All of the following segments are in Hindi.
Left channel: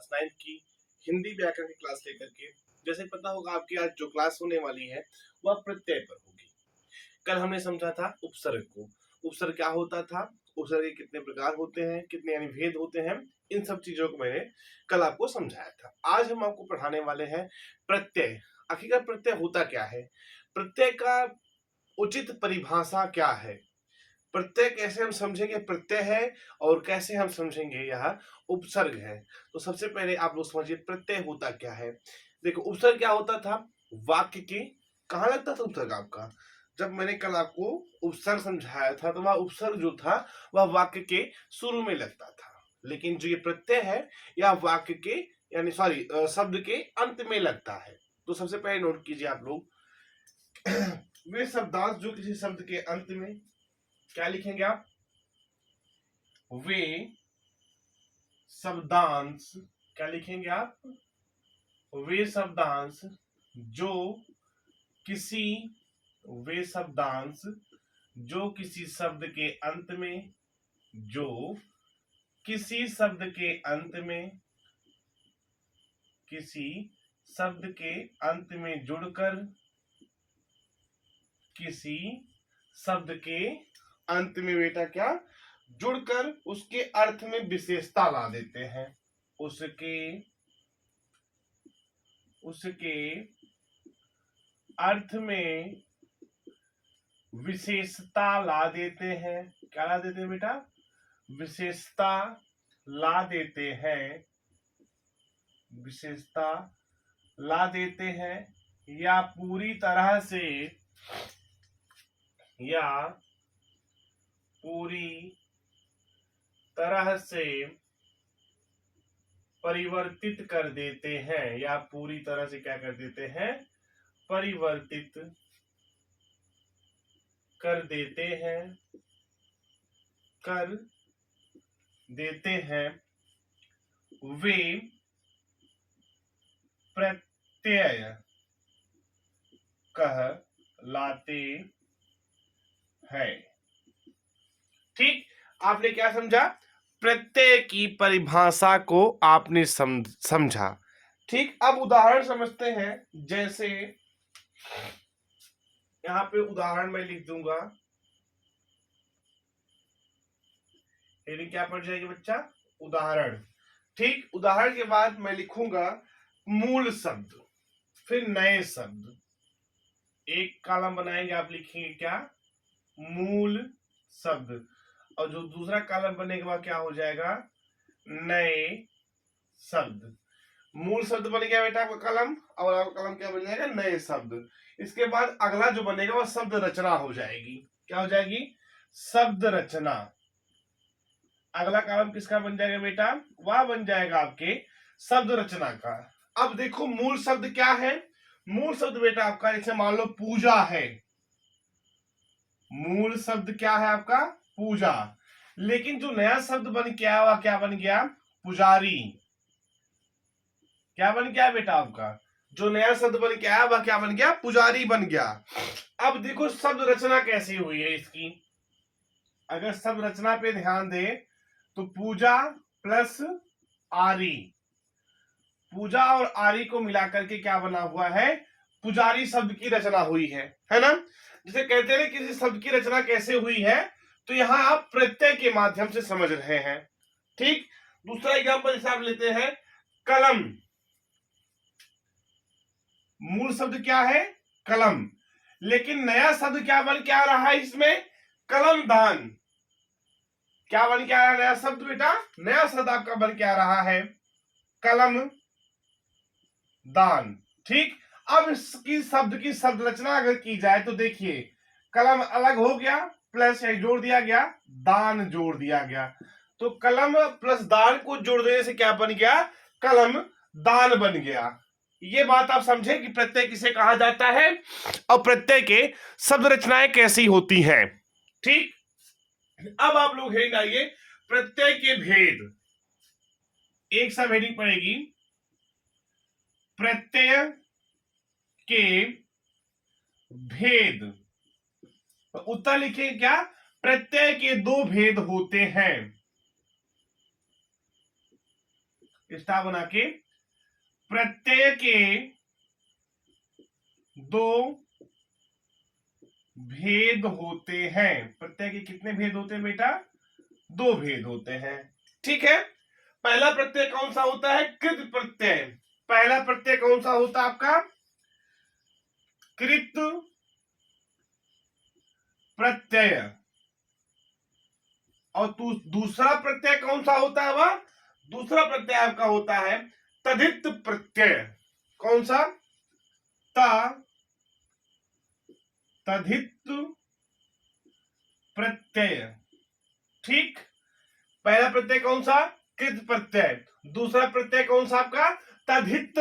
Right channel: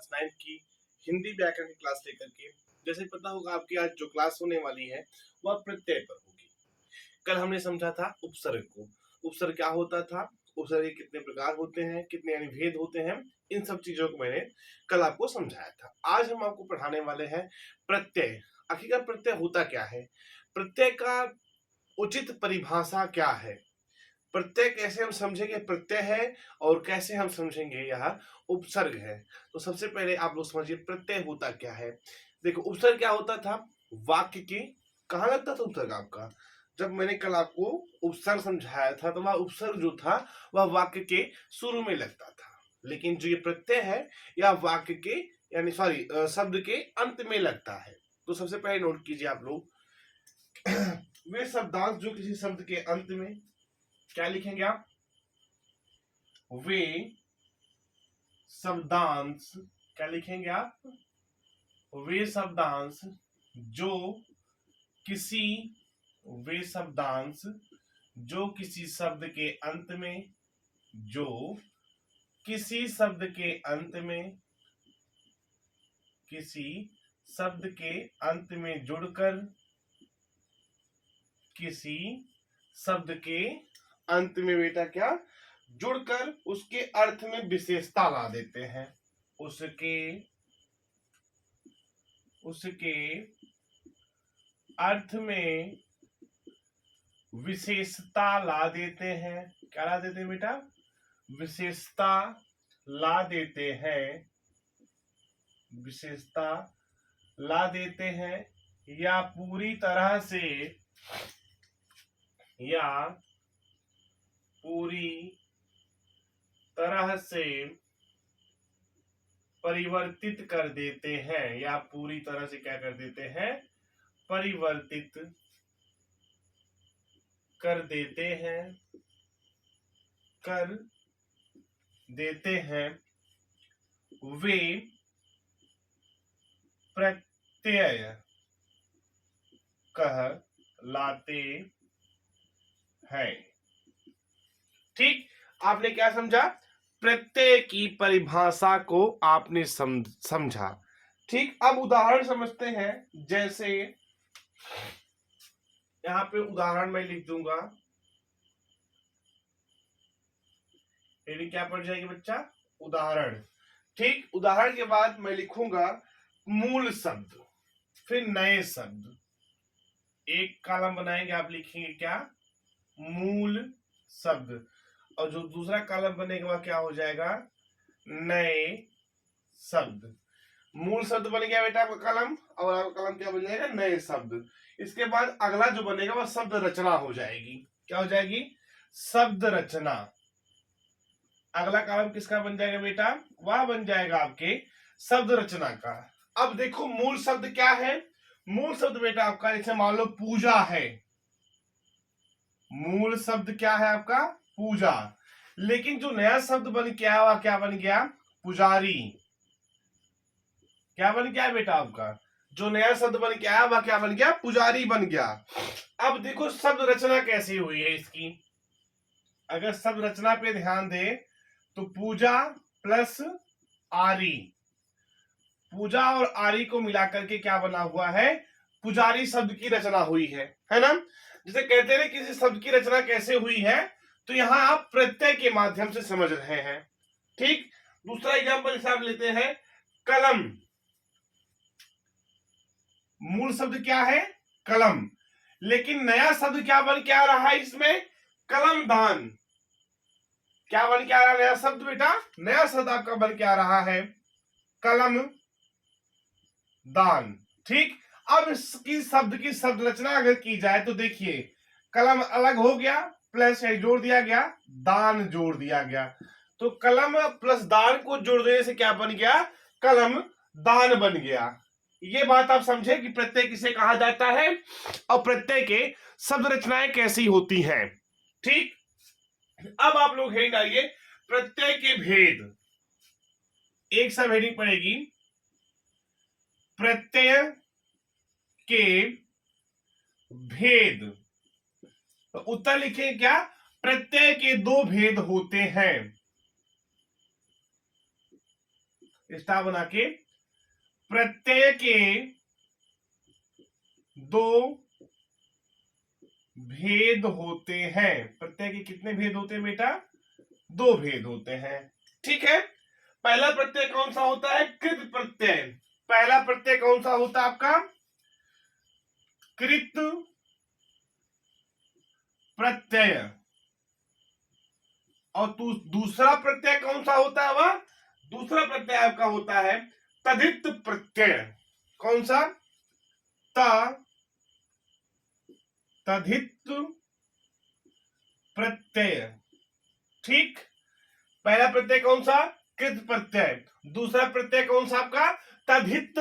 क्लास 9 की हिंदी व्याकरण की क्लास लेकर के। जैसे पता होगा आपकी आज जो क्लास होने वाली है वह प्रत्यय पर होगी। कल हमने समझा था उपसर्ग को। उपसर्ग क्या होता था, उपसर्ग के कितने प्रकार होते हैं, कितने यानी भेद होते हैं, इन सब चीजों को मैंने कल आपको समझाया था। आज हम आपको पढ़ाने वाले हैं प्रत्यय। आखिरकार प्रत्यय होता क्या है, प्रत्यय का उचित परिभाषा क्या है, प्रत्यय कैसे हम समझेंगे प्रत्यय है और कैसे हम समझेंगे यह उपसर्ग है। तो सबसे पहले आप लोग समझिए प्रत्यय होता क्या है। देखो उपसर्ग क्या होता था, वाक्य के कहाँ लगता था उपसर्ग आपका। जब मैंने कल आपको उपसर्ग समझाया था तो वह उपसर्ग जो था वह वाक्य के शुरू में लगता था, लेकिन जो ये प्रत्यय है यह वाक्य के यानी सॉरी शब्द के अंत में लगता है। तो सबसे पहले नोट कीजिए आप लोग वे शब्दांश जो किसी शब्द के अंत में, क्या लिखेंगे आप, वे शब्दांश, क्या लिखेंगे आप, वे शब्दांश जो किसी, वे शब्दांश जो किसी शब्द के अंत में, जो किसी शब्द के अंत में, किसी शब्द के अंत में जुड़कर, किसी शब्द के अंत में बेटा क्या जुड़कर उसके अर्थ में विशेषता ला देते हैं, उसके उसके अर्थ में विशेषता ला देते हैं। क्या ला देते हैं बेटा, विशेषता ला देते हैं, विशेषता ला देते हैं, या पूरी तरह से, या पूरी तरह से परिवर्तित कर देते हैं, या पूरी तरह से क्या कर देते हैं, परिवर्तित कर देते हैं, कर देते हैं। वे प्रत्यय कहलाते हैं। ठीक, आपने क्या समझा, प्रत्यय की परिभाषा को आपने समझा। ठीक, अब उदाहरण समझते हैं। जैसे यहां पे उदाहरण मैं लिख दूंगा, हेडिंग क्या पड़ जाएगी बच्चा, उदाहरण। ठीक, उदाहरण के बाद मैं लिखूंगा मूल शब्द, फिर नए शब्द। एक कॉलम बनाएंगे, आप लिखेंगे क्या, मूल शब्द, और जो दूसरा कॉलम बनेगा वह क्या हो जाएगा, नए शब्द। मूल शब्द बन गया बेटा आपका कलम, और आपका कलम क्या बन जाएगा, नए शब्द। इसके बाद अगला जो बनेगा वह शब्द रचना हो जाएगी। क्या हो जाएगी, शब्द रचना। अगला कलम किसका बन जाएगा बेटा, वह बन जाएगा आपके शब्द रचना का। अब देखो मूल शब्द क्या है, मूल शब्द बेटा आपका जैसे मान लो पूजा है, मूल शब्द क्या है आपका, पूजा। लेकिन जो नया शब्द बन के आया वह क्या बन गया, पुजारी। क्या बन गया बेटा आपका, जो नया शब्द बन के आया वह क्या बन गया, पुजारी बन गया। अब देखो शब्द रचना कैसी हुई है इसकी। अगर शब्द रचना पे ध्यान दे तो पूजा प्लस आरी, पूजा और आरी को मिलाकर के क्या बना हुआ है, पुजारी शब्द की रचना हुई है ना। जैसे कहते हैं किसी शब्द की रचना कैसे हुई है, तो यहां आप प्रत्यय के माध्यम से समझ रहे हैं। ठीक, दूसरा एग्जांपल जैसे आप लेते हैं कलम, मूल शब्द क्या है, कलम, लेकिन नया शब्द क्या बन के आ रहा है इसमें, कलम दान। क्या बन के आ रहा है नया शब्द बेटा, नया शब्द आपका बन के आ रहा है कलम दान। ठीक, अब इसकी शब्द की शब्द रचना अगर की जाए तो देखिए कलम अलग हो गया, प्लस जोड़ दिया गया, दान जोड़ दिया गया, तो कलम प्लस दान को जोड़ देने से क्या बन गया, कलम दान बन गया। ये बात आप समझे कि प्रत्यय किसे कहा जाता है और प्रत्यय के शब्द रचनाएं कैसी होती हैं। ठीक, अब आप लोग हेडिंग डालिए प्रत्यय के भेद। एक सब हेडिंग पड़ेगी प्रत्यय के भेद। तो उत्तर लिखें क्या, प्रत्यय के दो भेद होते हैं। स्टार बना के, प्रत्यय के दो भेद होते हैं। प्रत्यय के कितने भेद होते हैं बेटा? दो भेद होते हैं। ठीक है, पहला प्रत्यय कौन सा होता है? कृत प्रत्यय। पहला प्रत्यय कौन सा होता है आपका? कृत प्रत्यय। और दूसरा प्रत्यय कौन सा होता है? वह दूसरा प्रत्यय आपका होता है तद्धित प्रत्यय। कौन सा? तद्धित प्रत्यय। ठीक, पहला प्रत्यय कौन सा? कृत प्रत्यय। दूसरा प्रत्यय कौन सा आपका? तद्धित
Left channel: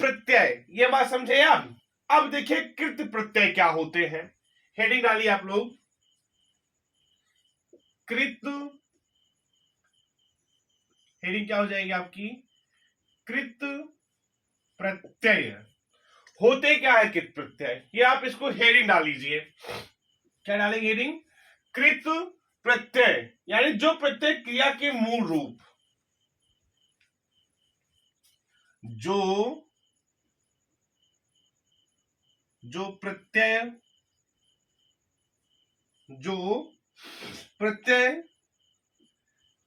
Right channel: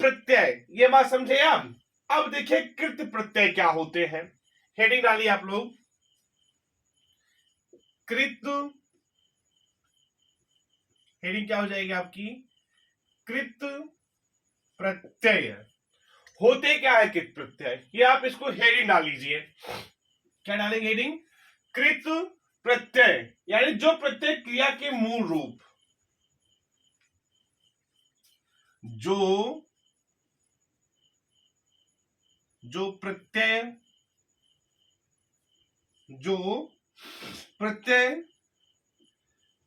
प्रत्यय। ये बात समझे आप? अब देखिए कृत प्रत्यय क्या होते हैं। हेडिंग डालिए आप लोग, कृत। हेडिंग क्या हो जाएगी आपकी? कृत प्रत्यय। होते क्या है कृत प्रत्यय? ये आप इसको हेडिंग डाल लीजिए। क्या डालेंगे हेडिंग? कृत प्रत्यय, यानी जो प्रत्यय क्रिया के मूल रूप, जो प्रत्यय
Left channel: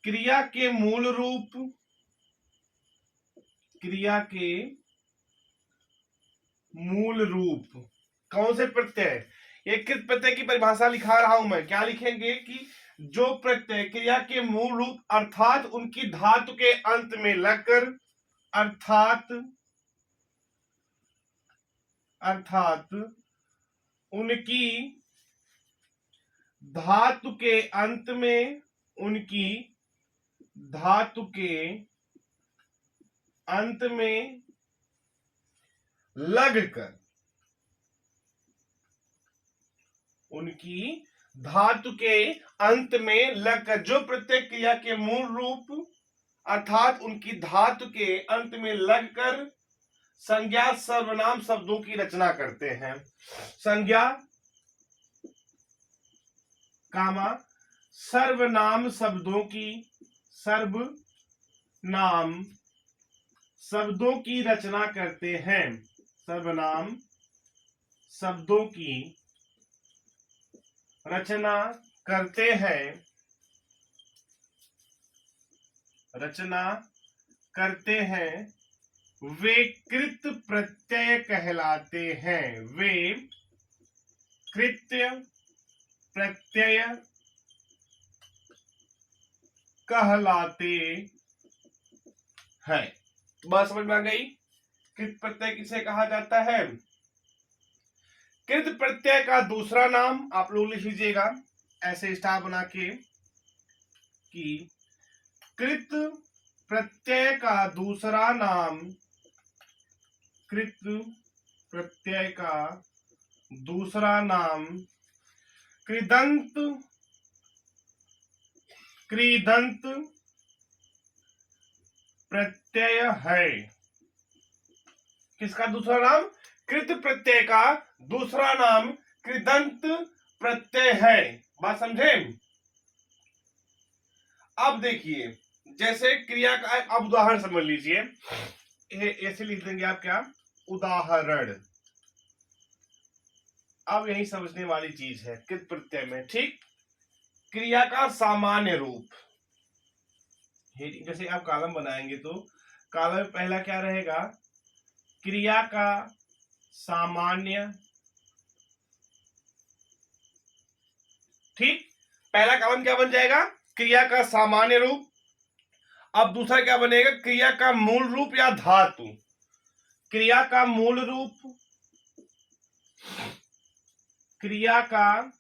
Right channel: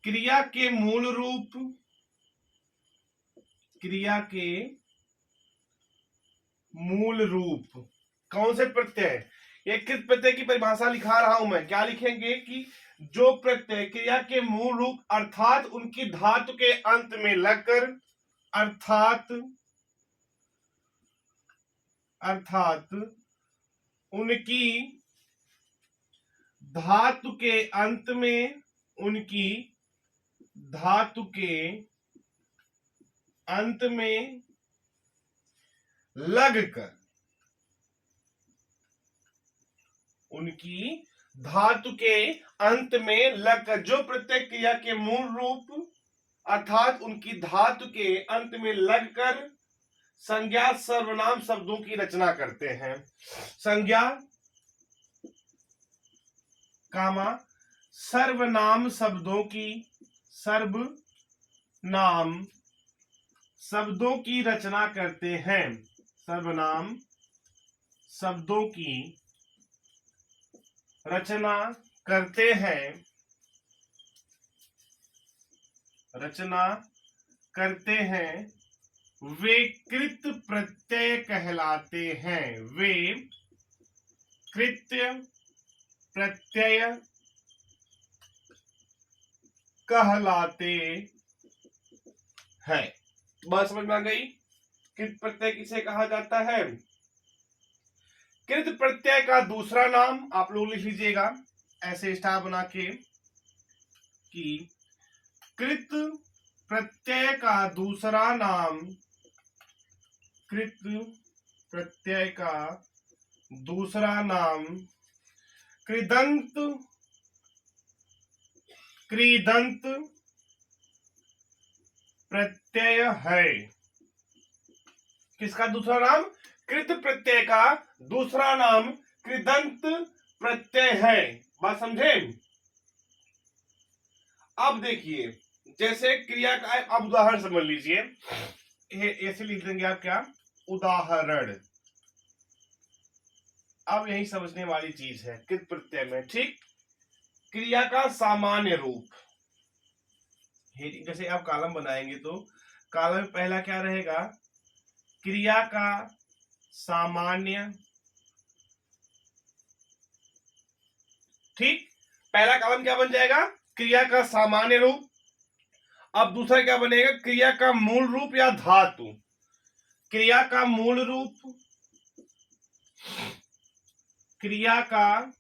क्रिया के मूल रूप, क्रिया के मूल रूप कौन से प्रत्यय? ये किस प्रत्यय की परिभाषा लिखा रहा हूं मैं। क्या लिखेंगे कि जो प्रत्यय क्रिया के मूल रूप अर्थात उनकी धातु के अंत में लगकर, अर्थात उनकी धातु के अंत में, उनकी धातु के अंत में लगकर, उनकी धातु के अंत में लगकर, जो प्रत्यय क्रिया के मूल रूप अर्थात उनकी धातु के अंत में लगकर संज्ञा सर्वनाम शब्दों की रचना करते हैं। संज्ञा कामा सर्वनाम शब्दों की, सर्वनाम शब्दों की रचना करते हैं। सर्वनाम शब्दों की रचना करते हैं, रचना करते हैं, वे कृत प्रत्यय कहलाते हैं। वे कृत्य प्रत्यय कहलाते हैं। बात समझ में आ गई? कृत प्रत्यय किसे कहा जाता है? कृत प्रत्यय का दूसरा नाम आप लोग लिख लीजिएगा ऐसे स्टार बना के कि कृत प्रत्यय का दूसरा नाम, कृत प्रत्यय का दूसरा नाम कृदंत, कृदंत प्रत्यय है। किसका दूसरा नाम? कृत प्रत्यय का दूसरा नाम कृदंत प्रत्यय है। बात समझे? अब देखिए, जैसे क्रिया का अब उदाहरण समझ लीजिए, ऐसे लिख देंगे आप, क्या? उदाहरण। अब यही समझने वाली चीज है कृत प्रत्यय में। ठीक, क्रिया का सामान्य रूप, जैसे आप कॉलम बनाएंगे तो कॉलम में पहला क्या रहेगा? क्रिया का सामान्य। ठीक, पहला कॉलम क्या बन जाएगा? क्रिया का सामान्य रूप। अब दूसरा क्या बनेगा? क्रिया का मूल रूप या धातु। क्रिया का मूल रूप, क्रिया का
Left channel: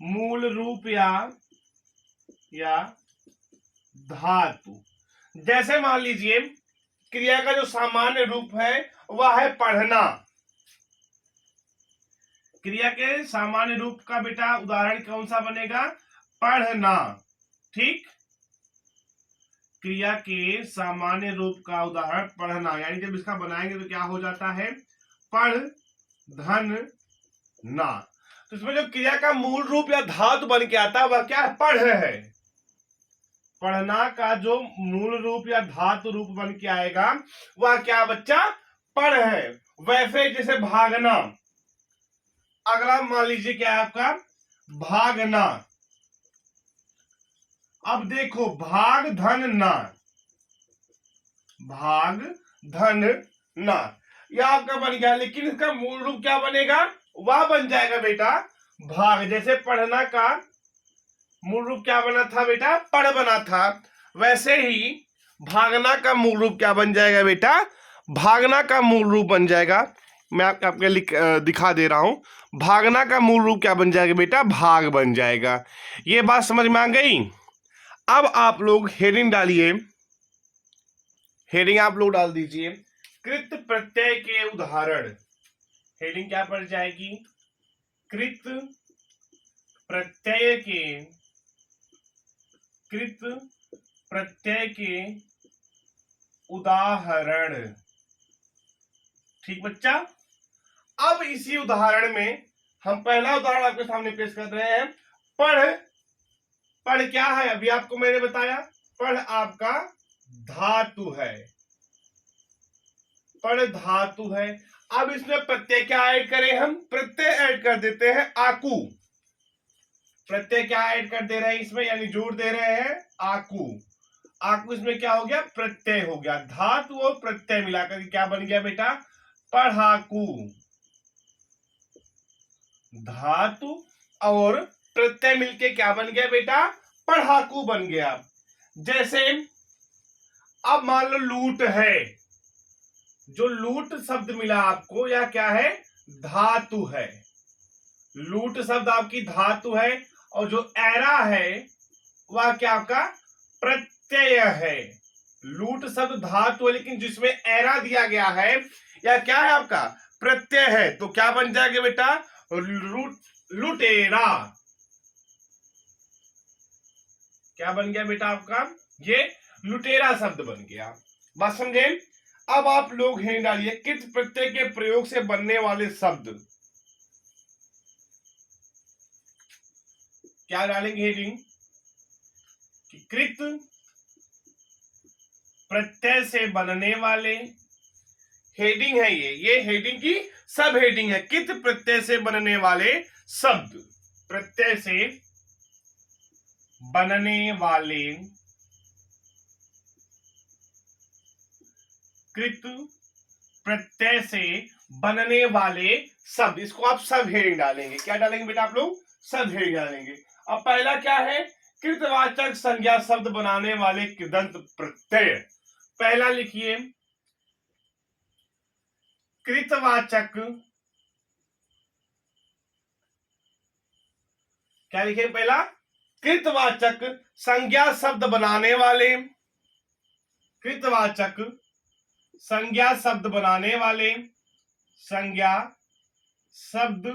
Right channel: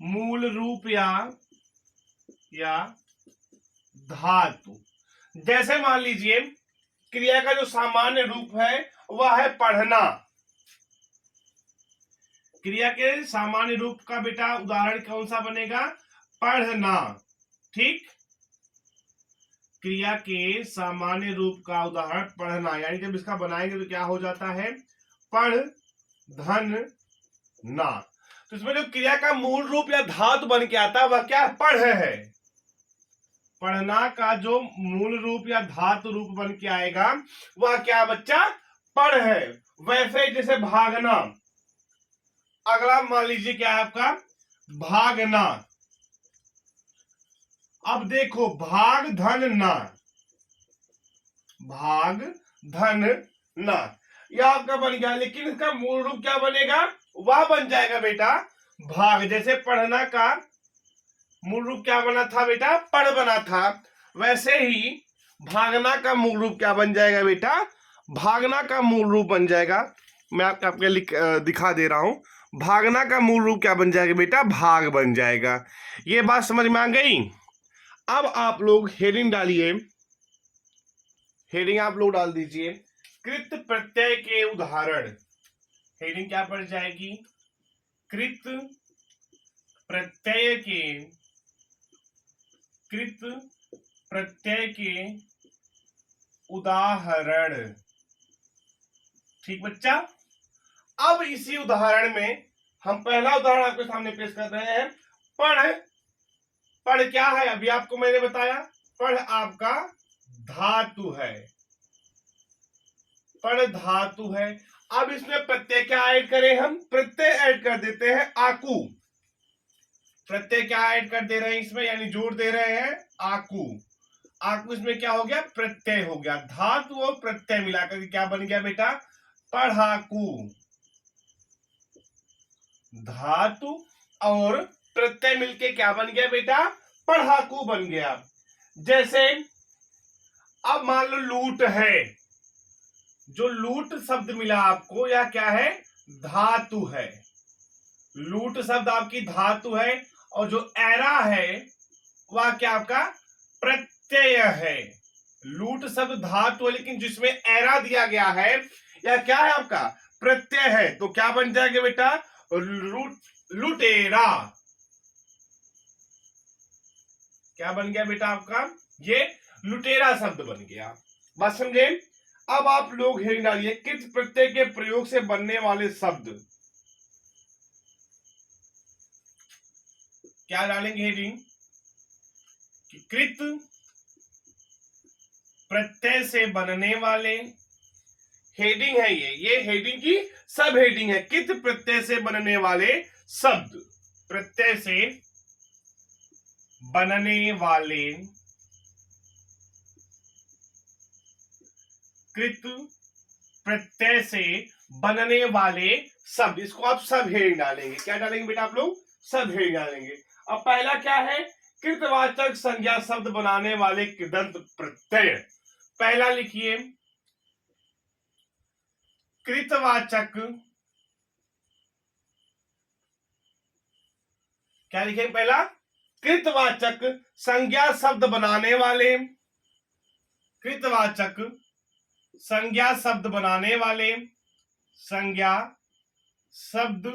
मूल रूप या धातु। जैसे मान लीजिए क्रिया का जो सामान्य रूप है वह है पढ़ना। क्रिया के सामान्य रूप का बेटा उदाहरण कौन सा बनेगा? पढ़ना। ठीक, क्रिया के सामान्य रूप का उदाहरण पढ़ना, यानी जब इसका बनाएंगे तो क्या हो जाता है? पढ़ धन ना। तो इसमें जो क्रिया का मूल रूप या धातु बन के आता है वह क्या है? पढ़ है। पढ़ना का जो मूल रूप या धातु रूप बन के आएगा वह क्या बच्चा, पढ़ है। वैसे जैसे भागना, अगला मान लीजिए क्या है आपका, भागना। अब देखो भाग धन ना, भाग धन ना, यह आपका बन गया, लेकिन इसका मूल रूप क्या बनेगा, वह बन जाएगा बेटा भाग। जैसे पढ़ना का मूल रूप क्या बना था बेटा, पढ़ बना था, वैसे ही भागना का मूल रूप क्या बन जाएगा बेटा, भागना का मूल रूप बन जाएगा। मैं आपको दिखा दे रहा हूं, भागना का मूल रूप क्या बन जाएगा बेटा, भाग बन जाएगा। ये बात समझ में आ गई। अब आप लोग हेडिंग डालिए, हेडिंग आप लोग डाल दीजिए, कृत प्रत्यय के उदाहरण। हेडिंग क्या पड़ जाएगी, कृत प्रत्यय के, कृत प्रत्यय के उदाहरण। ठीक बच्चा। अब इसी उदाहरण में हम पहला उदाहरण आपके सामने पेश कर रहे हैं। पढ़, पढ़ क्या है, अभी आपको मैंने बताया, पढ़ आपका धातु है, पढ़ धातु है। अब इसमें प्रत्यय क्या ऐड करें, हम प्रत्यय ऐड कर देते हैं आकू। प्रत्यय क्या ऐड कर दे रहे हैं इसमें, यानी जोड़ दे रहे हैं आकू। आकू इसमें क्या हो गया, प्रत्यय हो गया। धातु और प्रत्यय मिलाकर के क्या बन गया बेटा, पढ़ाकू। धातु और प्रत्यय मिलके क्या बन गया बेटा, पढ़ाकू बन गया। जैसे अब मान लो लूट है, जो लूट शब्द मिला आपको या क्या है, धातु है। लूट शब्द आपकी धातु है, और जो एरा है वह क्या आपका प्रत्यय है। लूट शब्द धातु है, लेकिन जिसमें एरा दिया गया है या क्या है आपका प्रत्यय है, तो क्या बन जाएगा बेटा, लुटेरा। क्या बन गया बेटा आपका, ये लुटेरा शब्द बन गया। बात समझे। अब आप लोग हेडिंग डालिए, कृत प्रत्यय के प्रयोग से बनने वाले शब्द। क्या डालेंगे हेडिंग, कृत प्रत्यय से बनने वाले, हेडिंग है ये हेडिंग की सब हेडिंग है। कृत प्रत्यय से बनने वाले शब्द, प्रत्यय से बनने वाले, कृत प्रत्यय से बनने वाले शब्द, इसको आप सब हेडिंग डालेंगे। क्या डालेंगे बेटा आप लोग, सब हेडिंग डालेंगे। अब पहला क्या है, कृतवाचक संज्ञा शब्द बनाने वाले कृदंत प्रत्यय। पहला लिखिए, कृतवाचक, क्या लिखेंगे पहला, कृतवाचक संज्ञा शब्द बनाने वाले, कृतवाचक संज्ञा शब्द बनाने वाले, संज्ञा शब्द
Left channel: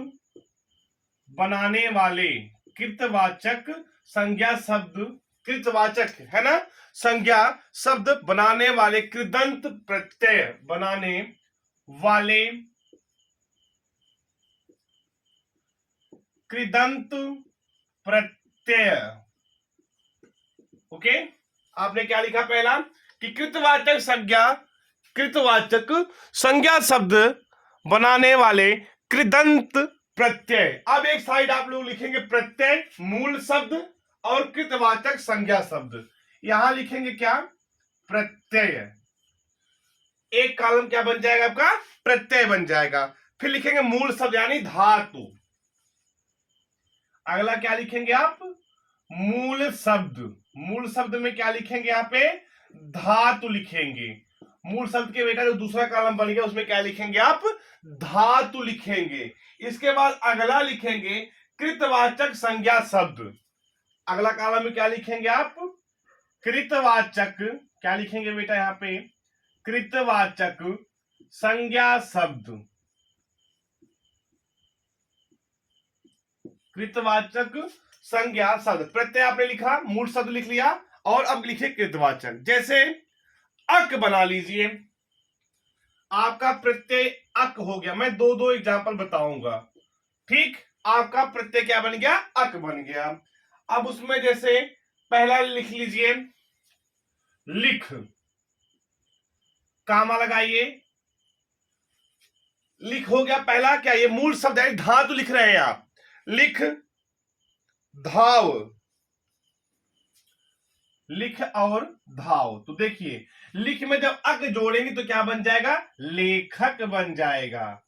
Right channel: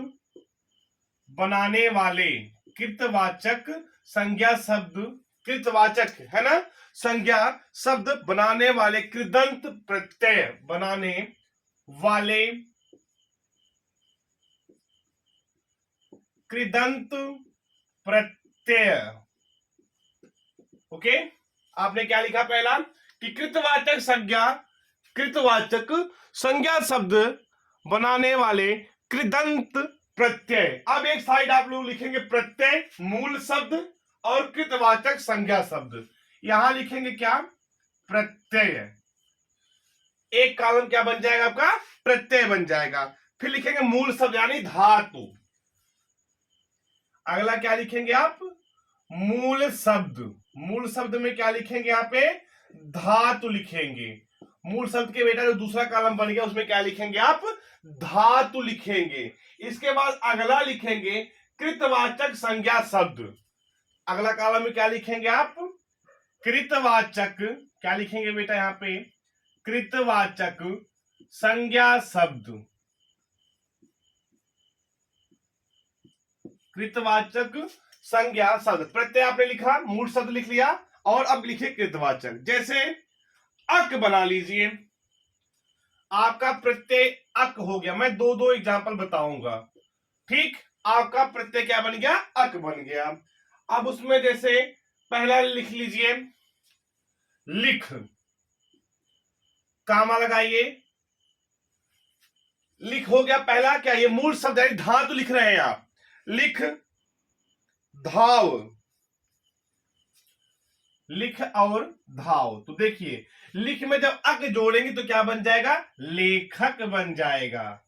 बनाने वाले, कृतवाचक संज्ञा शब्द, कृतवाचक है ना, संज्ञा शब्द बनाने वाले, कृदंत प्रत्यय बनाने वाले, कृदंत प्रत्यय। ओके, आपने क्या लिखा पहला, कि कृतवाचक संज्ञा, कृतवाचक संज्ञा शब्द बनाने वाले कृदंत प्रत्यय। अब एक साइड आप लोग लिखेंगे प्रत्यय मूल शब्द और कृतवाचक संज्ञा शब्द, यहां लिखेंगे क्या, प्रत्यय। एक कॉलम क्या बन जाएगा आपका, प्रत्यय बन जाएगा। फिर लिखेंगे मूल शब्द यानी धातु। अगला क्या लिखेंगे आप, मूल शब्द। मूल शब्द में क्या लिखेंगे यहाँ पे, धातु लिखेंगे। मूल शब्द के बेटा जो दूसरा कॉलम बन गया उसमें क्या लिखेंगे आप, धातु लिखेंगे। इसके बाद अगला लिखेंगे कृतवाचक संज्ञा शब्द। अगला कॉलम में क्या लिखेंगे आप, कृतवाचक, क्या लिखेंगे बेटा यहाँ पे, कृतवाचक संज्ञा शब्द, कृतवाचक संज्ञा शब्द। प्रत्यय आपने लिखा, मूल शब्द लिख लिया, और अब लिखे कृतवाचक। जैसे अक बना लीजिए, आपका प्रत्यय अक हो गया। मैं दो दो एग्जांपल बताऊंगा। ठीक, आपका प्रत्यय क्या बन गया, अक बन गया। अब उसमें जैसे पहला लिख लीजिए, लिख, कामा लगाइए, लिख हो गया पहला। क्या ये मूल शब्द है, धातु लिख रहे हैं आप, लिख, धाव, लिख और धाव। तो देखिए लिख में जब अक जोड़ेंगे तो क्या बन जाएगा, लेखक बन जाएगा,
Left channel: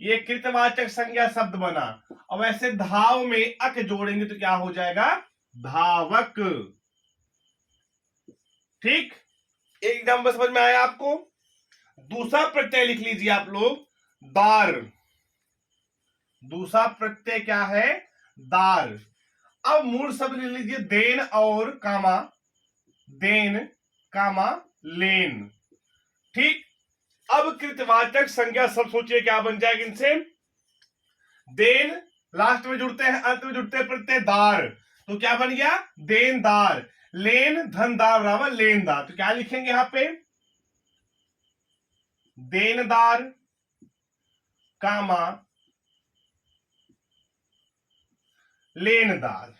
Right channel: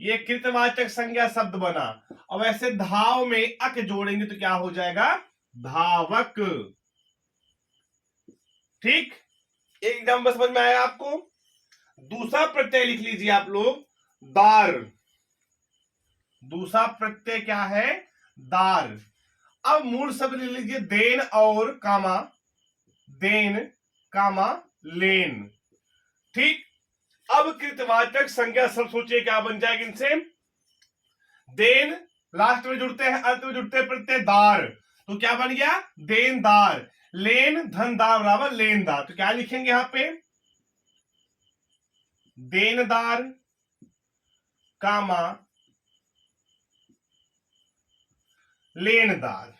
ये कृतवाचक संज्ञा शब्द बना। और वैसे धाव में अक जोड़ेंगे तो क्या हो जाएगा, धावक। ठीक, एकदम बस समझ में आया आपको। दूसरा प्रत्यय लिख लीजिए आप लोग, दार। दूसरा प्रत्यय क्या है, दार। अब मूल शब्द ले लीजिए, देन और कामा, देन कामा लेन। ठीक, अब कृतवाचक संज्ञा शब्द सोचिए क्या बन जाएगा इनसे, देन लास्ट में जुड़ते हैं, अंत में जुड़ते हैं प्रत्यय दार, तो क्या बन गया, देनदार। लेन धनदार बराबर लेनदार, तो क्या लिखेंगे यहां पे, देनदार कामा लेनदार।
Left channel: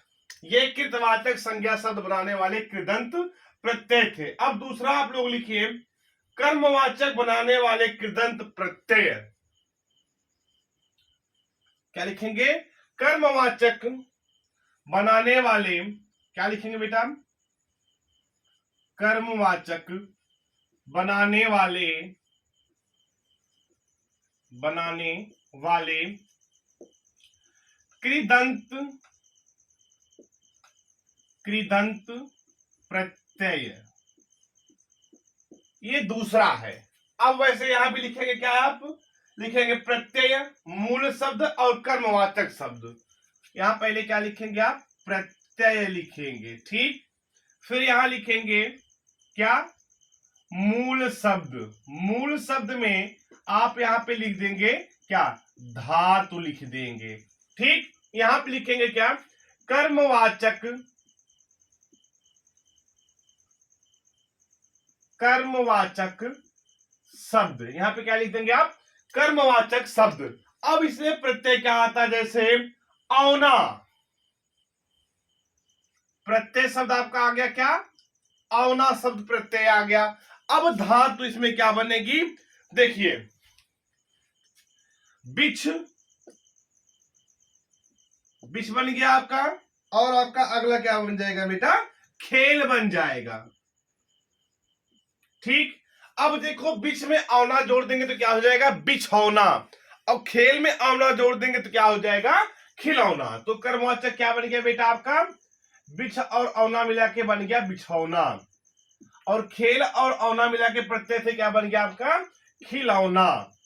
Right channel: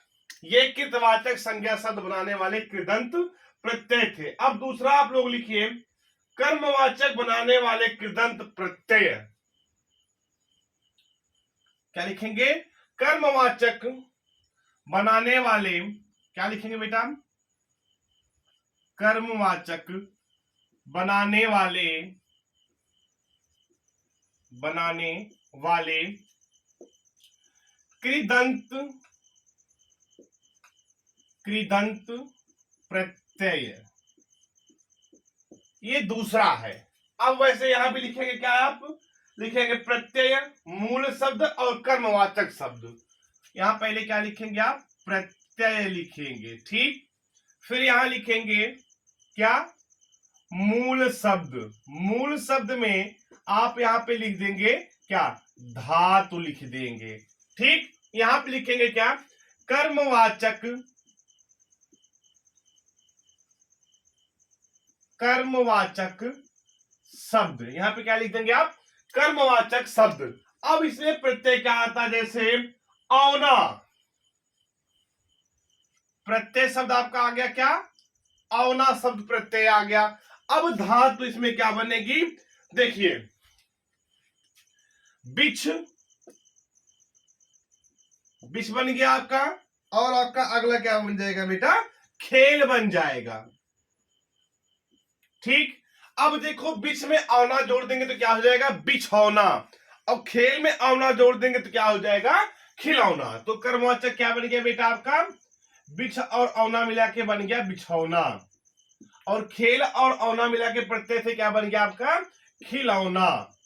ये कृतवाचक संज्ञा शब्द बनाने वाले कृदंत प्रत्यय थे। अब दूसरा आप लोग लिखिए, कर्मवाचक बनाने वाले कृदंत प्रत्यय। क्या लिखेंगे, कर्मवाचक बनाने वाले, क्या लिखेंगे बेटा, कर्मवाचक बनाने वाले, बनाने वाले कृदंत, कृदंत प्रत्यय, ये दूसरा है। अब वैसे यहां भी लिखेंगे क्या, आप लिखेंगे प्रत्यय, मूल शब्द और कर्मवाचक शब्द। यहां पहले क्या लिखेंगे आप, प्रत्यय लिखेंगे। ठीक, फिर यहां लिखेंगे क्या, मूल शब्द। मूल शब्द में आप यहां पे लिख देंगे क्या, धातु लिख देंगे। ठीक, यहां पे लिखेंगे क्या, कर्मवाचक, कर्मवाचक शब्द। यहां पे क्या लिख देंगे आप, कर्मवाचक शब्द। अब इसमें प्रत्यय क्या आता है, जैसे औना, प्रत्यय शब्द आपका आ गया क्या, औना शब्द प्रत्यय आ गया। अब धातु इसमें क्या बनेगी, देखिए बिछ, बिछ बन गया आपका, और आपका अगला क्या बन जाएगा बेटा, खेल बन जाएगा। ठीक, अब देखो बिछ में औना जोड़ देंगे तो क्या हो जाएगा, बिछौना, और खेल में औना जोड़ देंगे तो क्या हो जाएगा, खिलौना। तो कर्मवाचक क्या बन गया बेटा आपका, बिछ और औना मिला के बन गया बिछौना, और खेल और औना मिला के प्रत्यय से क्या बन गया आपका, खिलौना।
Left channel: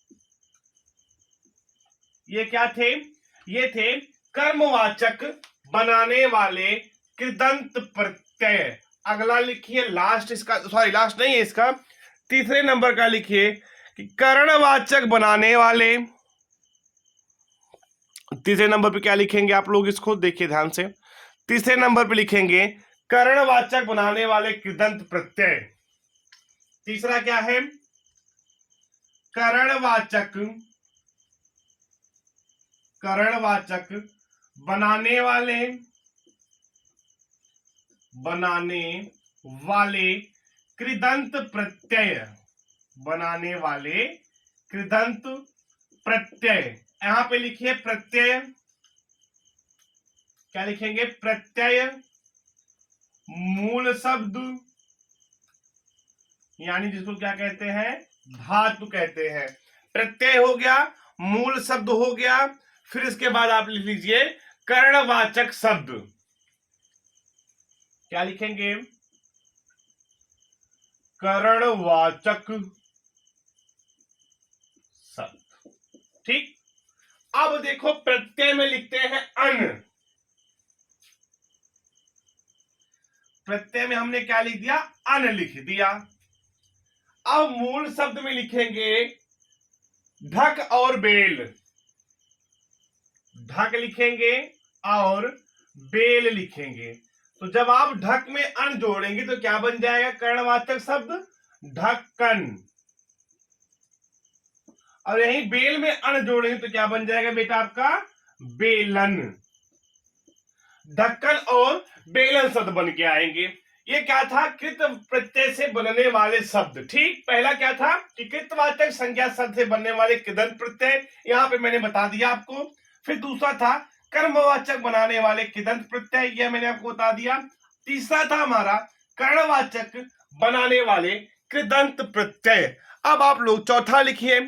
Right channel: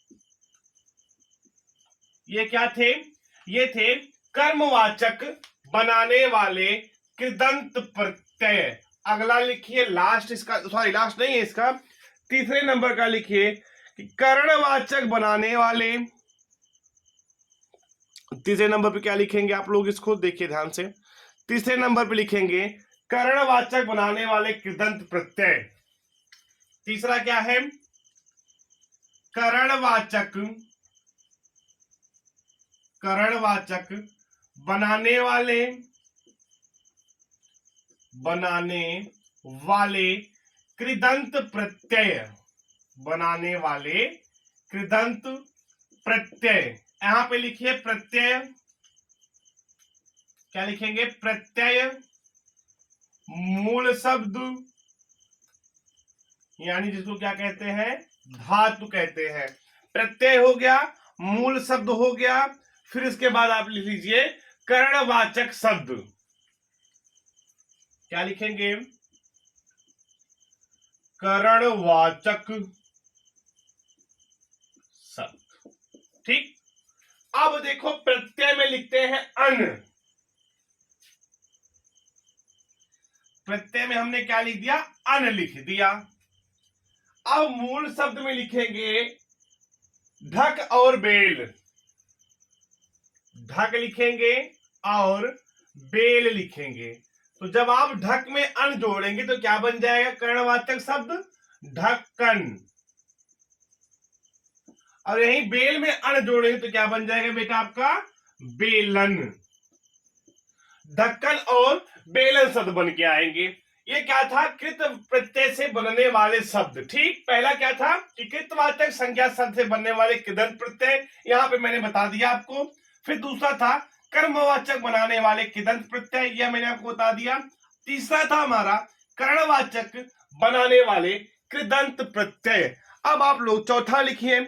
ये क्या थे, ये थे कर्मवाचक बनाने वाले कृदंत प्रत्यय। अगला लिखिए लास्ट, इसका सॉरी लास्ट नहीं है, इसका तीसरे नंबर का लिखिए कि करणवाचक बनाने वाले। तीसरे नंबर पे क्या लिखेंगे आप लोग, इसको देखिए ध्यान से। तीसरे नंबर पे लिखेंगे करणवाचक बनाने वाले कृदंत प्रत्यय। तीसरा क्या है, करणवाचक, करणवाचक बनाने वाले, बनाने वाले कृदंत प्रत्यय, बनाने वाले कृदंत प्रत्यय। यहां पे लिखिए प्रत्यय, क्या लिखेंगे, प्रत्यय मूल शब्द, यानी जिसको क्या कहते हैं, धातु कहते हैं। प्रत्यय हो गया, मूल शब्द हो गया, फिर इसके बाद आप लिख लीजिए कर्णवाचक शब्द। क्या लिखेंगे, कर्णवाचक शब्द। ठीक, अब देखो प्रत्यय में लिखते हैं अन। प्रत्यय में हमने क्या लिख दिया, अन लिख दिया। अब मूल शब्द में लिखेंगे ढक और बेल, ढक लिखेंगे और बेल लिखेंगे। तो जब आप ढक में अन जोड़ेंगे तो क्या बन जाएगा, कर्णवाचक शब्द ढक्कन। और यही बेल में अन जोड़ेंगे तो क्या बन जाएगा बेटा आपका, बेलन। ढक्कन और बेलन शब्द बन के आएंगे। ये क्या था, कृत प्रत्यय से बनने वाले शब्द। ठीक, पहला क्या था कि कृतवाचक संज्ञा शब्द से बनने वाले कृदंत प्रत्यय, यहां पे मैंने बता दिया आपको। फिर दूसरा था कर्मवाचक बनाने वाले कृदंत प्रत्यय, यह मैंने आपको बता दिया। तीसरा था हमारा कर्णवाचक बनाने वाले कृदंत प्रत्यय। अब आप लोग चौथा लिखिए,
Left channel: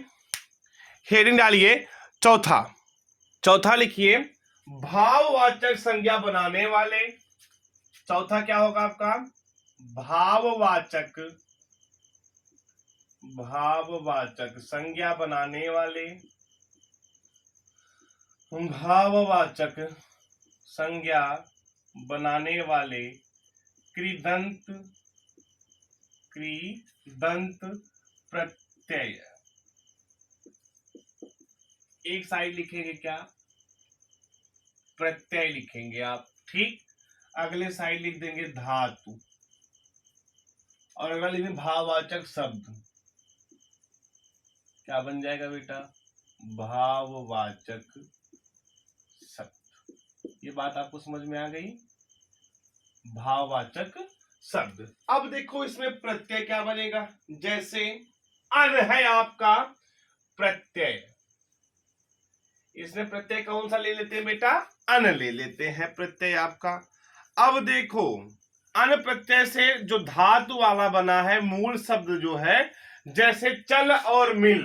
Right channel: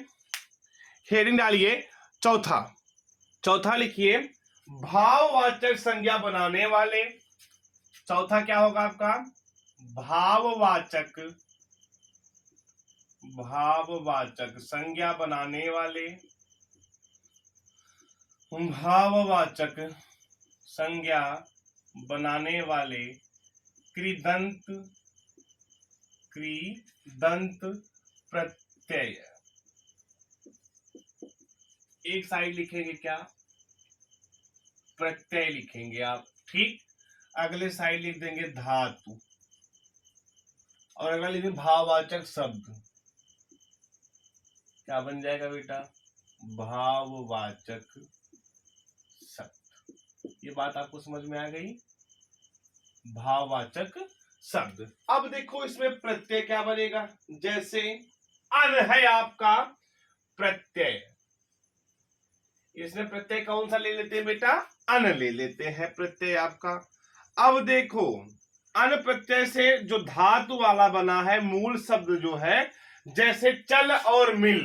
हेडिंग डालिए चौथा। चौथा लिखिए भाववाचक संज्ञा बनाने वाले। चौथा क्या होगा आपका, भाववाचक, भाववाचक संज्ञा बनाने वाले, भाववाचक संज्ञा बनाने वाले कृदंत, कृदंत प्रत्यय। एक साइड लिखेंगे क्या, प्रत्यय लिखेंगे आप। ठीक, अगले साइड लिख देंगे धातु, और अगला लिखेंगे भाववाचक शब्द। क्या बन जाएगा बेटा, भाववाचक शब्द। ये बात आपको समझ में आ गई, भाववाचक शब्द। अब देखो इसमें प्रत्यय क्या बनेगा, जैसे अन है आपका प्रत्यय, इसमें प्रत्यय कौन सा ले लेते हैं बेटा, अन ले लेते हैं प्रत्यय आपका। अब देखो अन प्रत्यय से जो धातु वाला बना है मूल शब्द जो है, जैसे चल और मिल।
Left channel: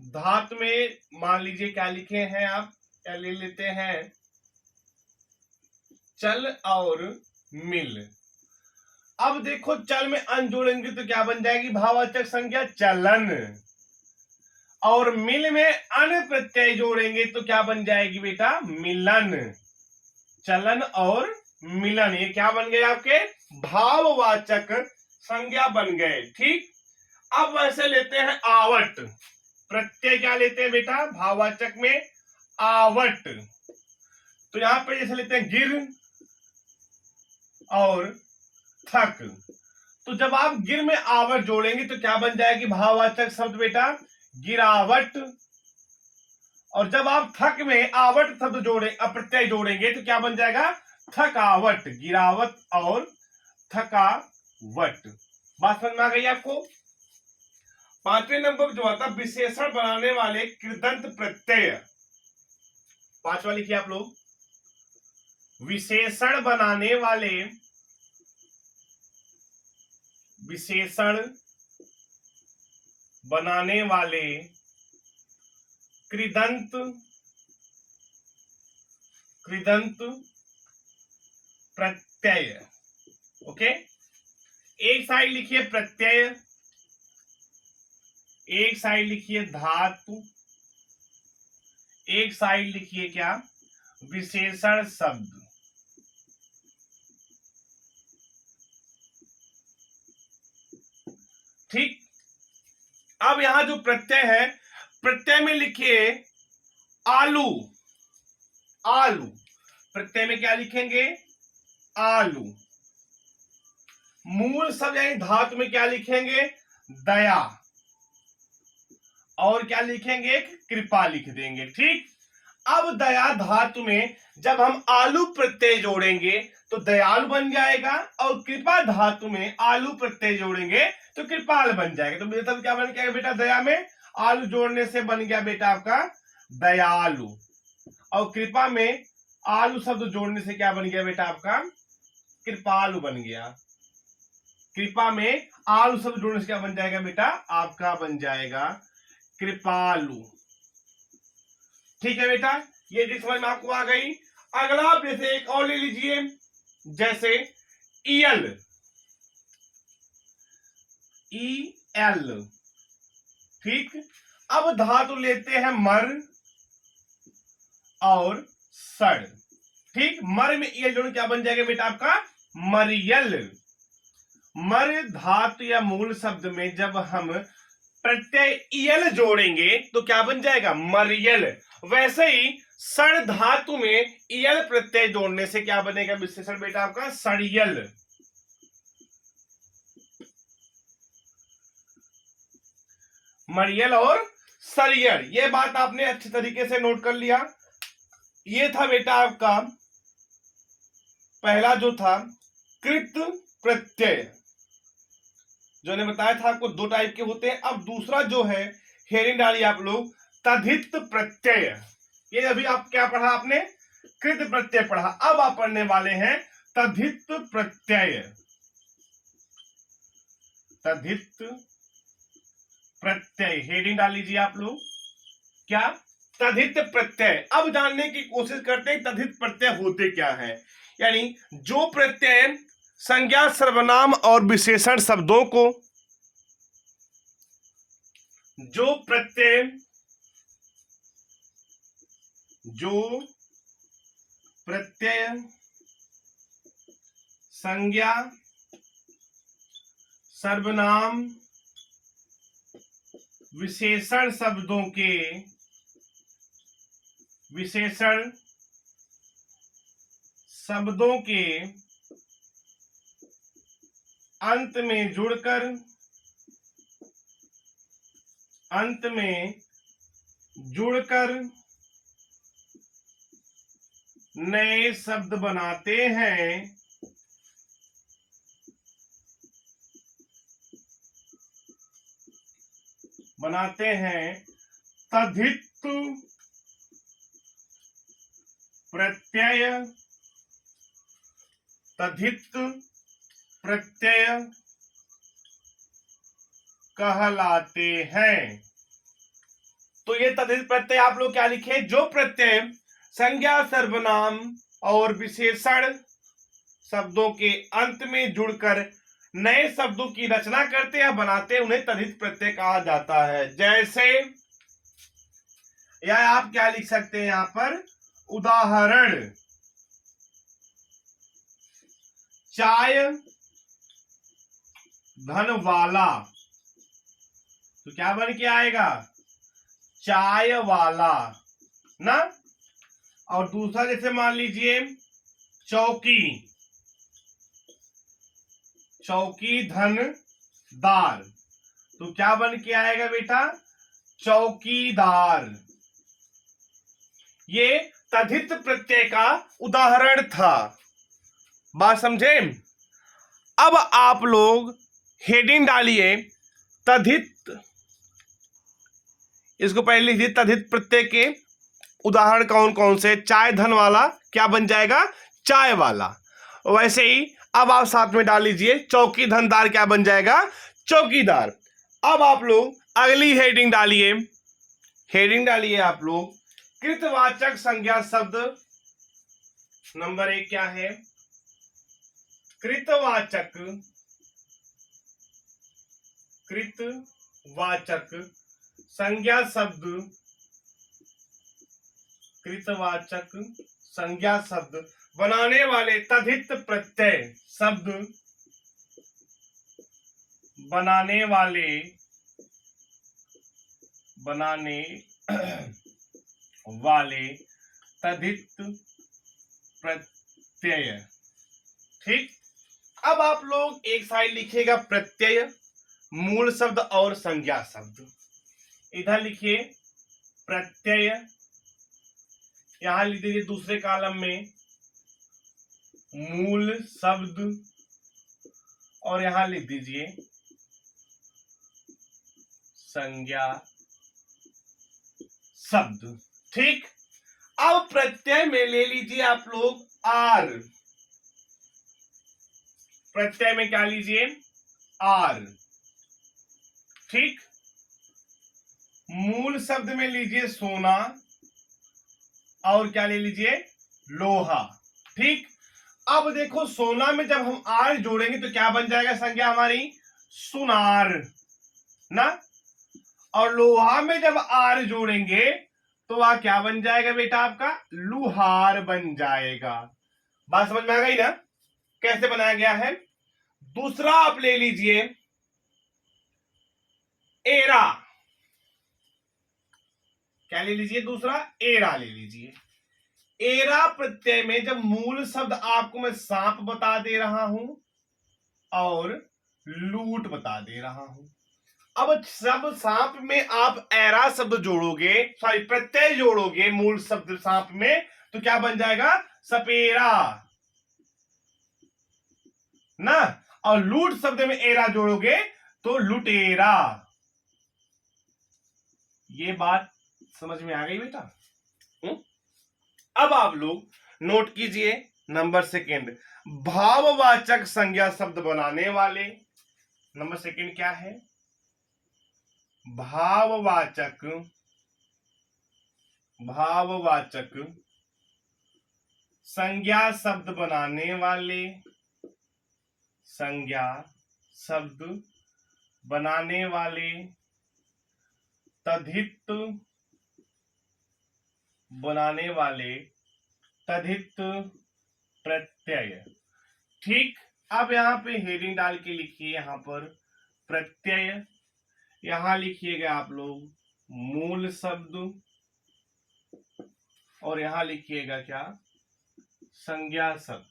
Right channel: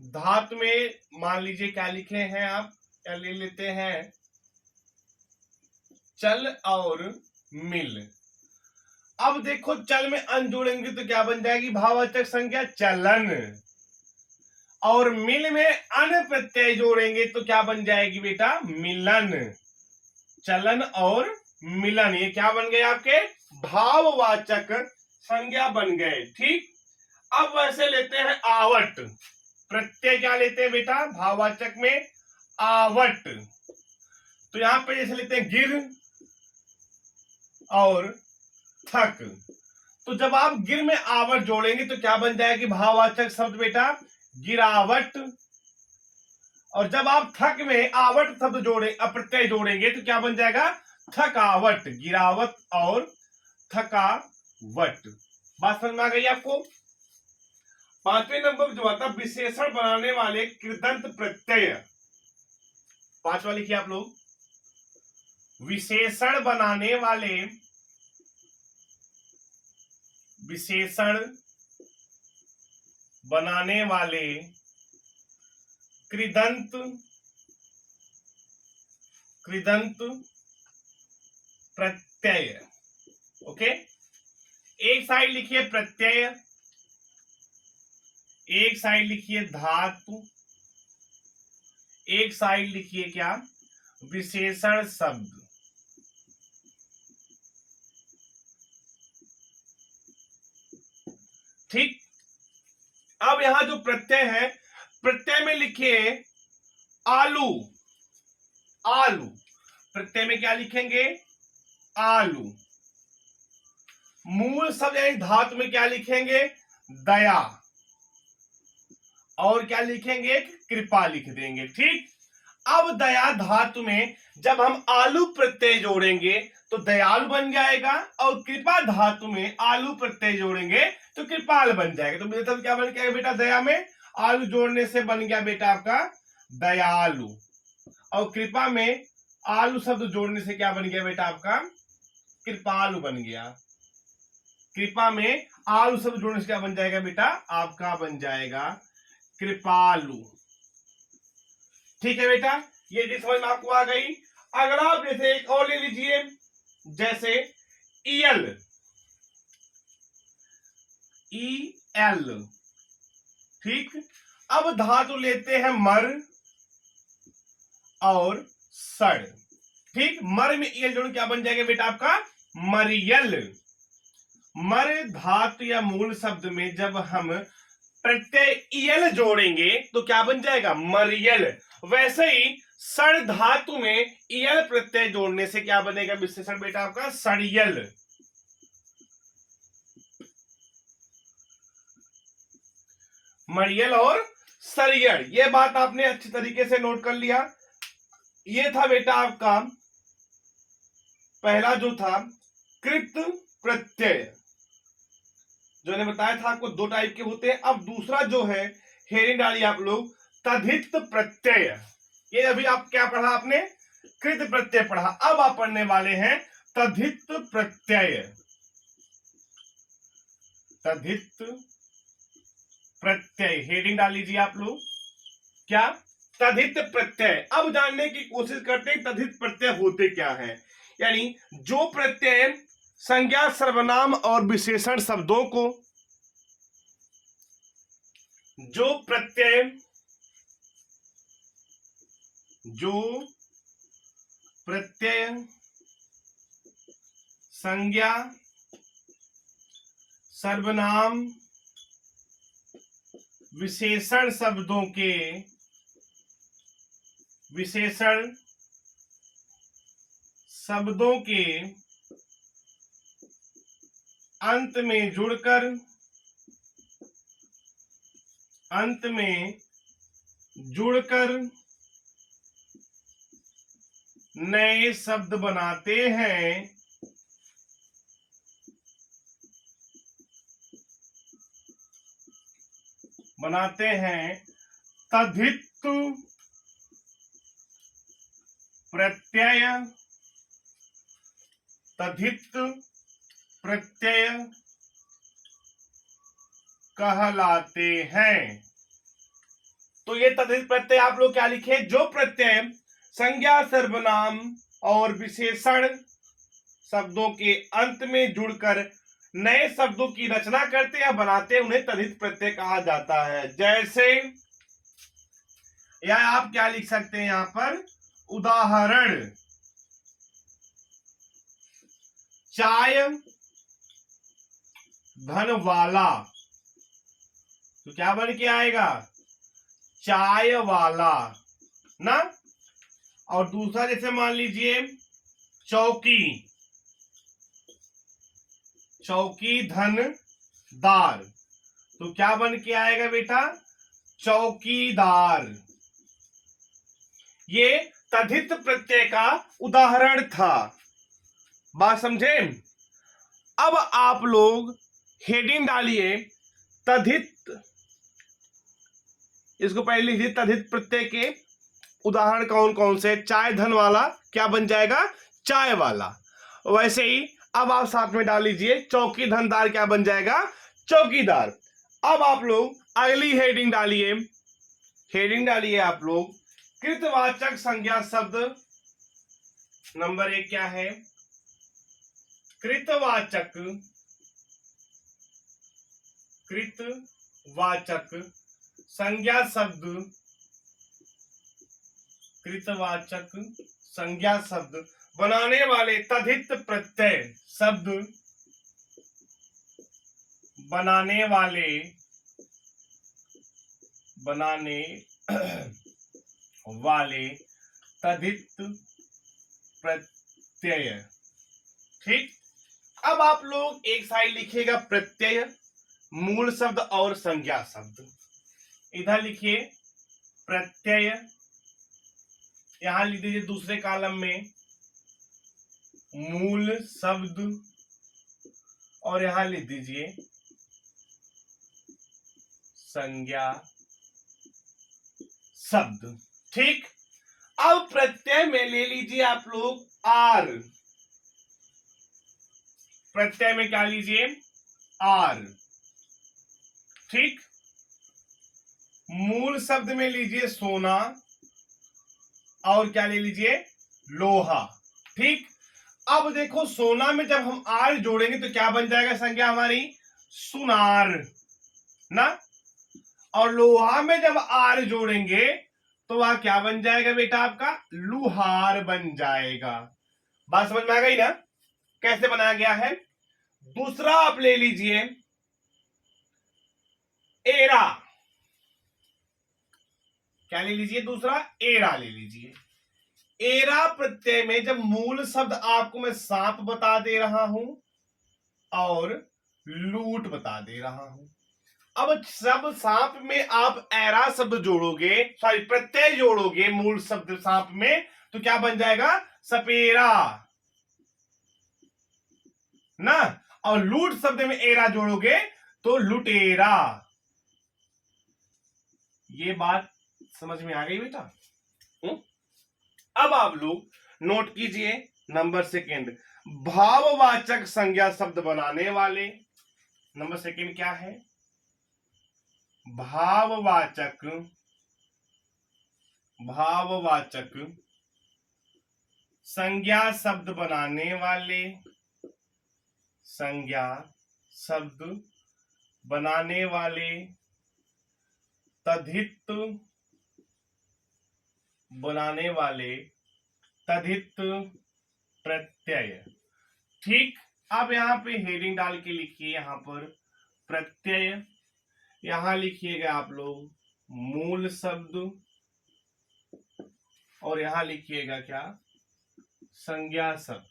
धातु में मान लीजिए क्या लिखे हैं आप, क्या ले लेते हैं, चल और मिल। अब देखो चल में अन जोड़ेंगे तो क्या बन जाएगी, भाववाचक संज्ञा चलन, और मिल में अन प्रत्यय जोड़ेंगे तो क्या बन जाएगी बेटा, मिलन। चलन और मिलन, ये क्या बन गए आपके, भाववाचक संज्ञा बन गए। ठीक, अब वैसे लेते हैं आवट प्रत्यय, क्या लेते हैं बेटा भाववाचक में, आवट। तो यहां पे जैसे लेते हैं गिर और थक, तो जब आप गिर में आवट जोड़ेंगे तो क्या बन जाएगी, भाववाचक शब्द बेटा गिरावट। और जब आप थक में आवट शब्द जोड़े, अप्रत्यय जोड़ेंगे तो क्या बन जाएगा, थकावट। गिरावट और थकावट। बात समझ में आ गई आपको। पांचवें नंबर जो आता विशेषण बनाने वाले कृदंत प्रत्यय। पांचवा लिखिए आप लोग, विशेषण बनाने वाले, विशेषण बनाने वाले कृदंत, कृदंत प्रत्यय। ओके, एक साइड लिखिए प्रत्यय, एक साइड लिखिए धातु, एक साइड लिखिए क्या, विशेषण शब्द। ठीक, अब यहां जो प्रत्यय है, प्रत्यय में लिखिए आलू। आलू प्रत्यय में क्या लिखेंगे, आलू। मूल शब्द यानी धातु में क्या लिखेंगे, दया, और क्या लिखेंगे, कृपा लिख देंगे। ठीक, अब दया धातु में जब हम आलू प्रत्यय जोड़ेंगे तो दयालु बन जाएगा, और कृपा धातु में आलू प्रत्यय जोड़ेंगे तो कृपाल बन जाएगा। तो बेटा क्या बन गया बेटा, दया में आलू जोड़ने से बन गया बेटा आपका दयालु, और कृपा में आलू शब्द जोड़ने से क्या बन गया बेटा आपका, कृपालु बन गया। कृपा में आलू शब्द जोड़ने से क्या बन जाएगा बेटा, आपका बन जाएगा कृपालु। ठीक है बेटा, ये चीज समझ में आपको आ गई। अगला आप जैसे एक और ले लीजिए, जैसे ईयल, ईएल। ठीक, अब धातु लेते हैं मर और सड़। ठीक, मर में ईयल जोड़ क्या बन जाएगा बेटा आपका, मरियल। मर धातु या मूल शब्द में जब हम प्रत्यय ईयल जोड़ेंगे तो क्या बन जाएगा, मरियल। वैसे ही सड़ धातु में ईयल प्रत्यय जोड़ने से क्या बनेगा विशेषण बेटा आपका, सड़ियल। मरियल और सरियल, ये बात आपने अच्छी तरीके से नोट कर लिया। ये था बेटा आपका पहला जो था कृत प्रत्यय, जो ने बताया था आपको दो टाइप के होते हैं। अब दूसरा जो है, हेडिंग डालिए आप लोग, तद्धित प्रत्यय। ये अभी आप क्या पढ़ा आपने, कृत प्रत्यय पढ़ा। अब आप पढ़ने वाले हैं तद्धित प्रत्यय। तद्धित प्रत्यय, हेडिंग डाल लीजिए आप लोग, क्या, तद्धित प्रत्यय। अब जानने की कोशिश करते हैं तद्धित प्रत्यय होते क्या है। यानी जो प्रत्यय संज्ञा, सर्वनाम और विशेषण शब्दों को, जो प्रत्यय संज्ञा, सर्वनाम, विशेषण शब्दों के, विशेषण शब्दों के अंत में जुड़कर नए शब्द बनाते हैं, तद्धित प्रत्यय, तद्धित प्रत्यय कहलाते हैं। तो ये तद्धित प्रत्यय आप लोग क्या लिखे, जो प्रत्यय संज्ञा, सर्वनाम और विशेषण शब्दों के अंत में जुड़कर नए शब्दों की रचना करते या बनाते, उन्हें तद्धित प्रत्यय कहा जाता है। जैसे, या आप क्या लिख सकते हैं यहां पर, उदाहरण, चाय धन वाला, तो क्या बन के आएगा, चाय वाला ना। और दूसरा जैसे मान लीजिए चौकी, चौकी धन दार, तो क्या बन के आएगा बेटा, चौकीदार। ये तद्धित प्रत्यय का उदाहरण था, बात समझे। अब आप लोग हेडिंग डालिए तद्धित, इसको पहले लिखिए, तद्धित प्रत्यय के उदाहरण कौन कौन से। चाय धन वाला क्या बन जाएगा, चाय वाला। वैसे ही अब आप साथ में डाल लीजिए चौकी धनदार, क्या बन जाएगा, चौकीदार। अब आप लोग अगली हेडिंग डालिए, हेडिंग डालिए आप लोग, कृतवाचक संज्ञा शब्द नंबर 1 क्या है, कृतवाचक, कृतवाचक संज्ञा शब्द, कृतवाचक संज्ञा शब्द बनाने वाले तद्धित प्रत्यय शब्द, बनाने वाले तद्धित प्रत्यय। ठीक, अब आप लोग एक साइड लिखिएगा प्रत्यय, मूल शब्द और संज्ञा शब्द। इधर लिखिए प्रत्यय, यहां लिख दीजिए दूसरे कॉलम में मूल शब्द, और यहां लिख दीजिए संज्ञा शब्द। ठीक, अब प्रत्यय में ले लीजिए आप लोग आर, प्रत्यय में क्या लीजिए, आर। ठीक, मूल शब्द में लीजिए सोना, और क्या ले लीजिए, लोहा। ठीक, अब देखो सोना में जब हम आर जोड़ेंगे तो क्या बन जाएगा संज्ञा हमारी, सुनार ना। और लोहा में जब आर जोड़ेंगे तो वह क्या बन जाएगा बेटा, आपका लुहार बन जाएगा। बात समझ में आ गई ना, कैसे बनाया गया है। दूसरा आप ले लीजिए एरा, क्या ले लीजिए, दूसरा एरा ले लीजिए। एरा प्रत्यय में जब मूल शब्द आपको मैं सांप बता दे रहा हूं और लूट बता दे रहा हूं, अब सब सांप में आप एरा शब्द जोड़ोगे, सॉरी प्रत्यय जोड़ोगे मूल शब्द सांप में, तो क्या बन जाएगा, सपेरा। ना, और लूट शब्द में एरा जोड़ोगे तो लुटेरा। ये बात समझ में आ गई बेटा? अब आप लोग नोट कीजिए नंबर सेकंड, भाववाचक संज्ञा शब्द बनाने वाले। नंबर सेकंड क्या है? भाववाचक, भाववाचक संज्ञा शब्द बनाने वाले, संज्ञा शब्द बनाने वाले, तद्धित बनाने वाले, तद्धित प्रत्यय। ठीक, अब यहां पे हेडिंग डाल के लिखिए, यहां पर प्रत्यय, यहां लिखिएगा आप लोग मूल शब्द, और यहां लिखिएगा क्या? संज्ञा शब्द।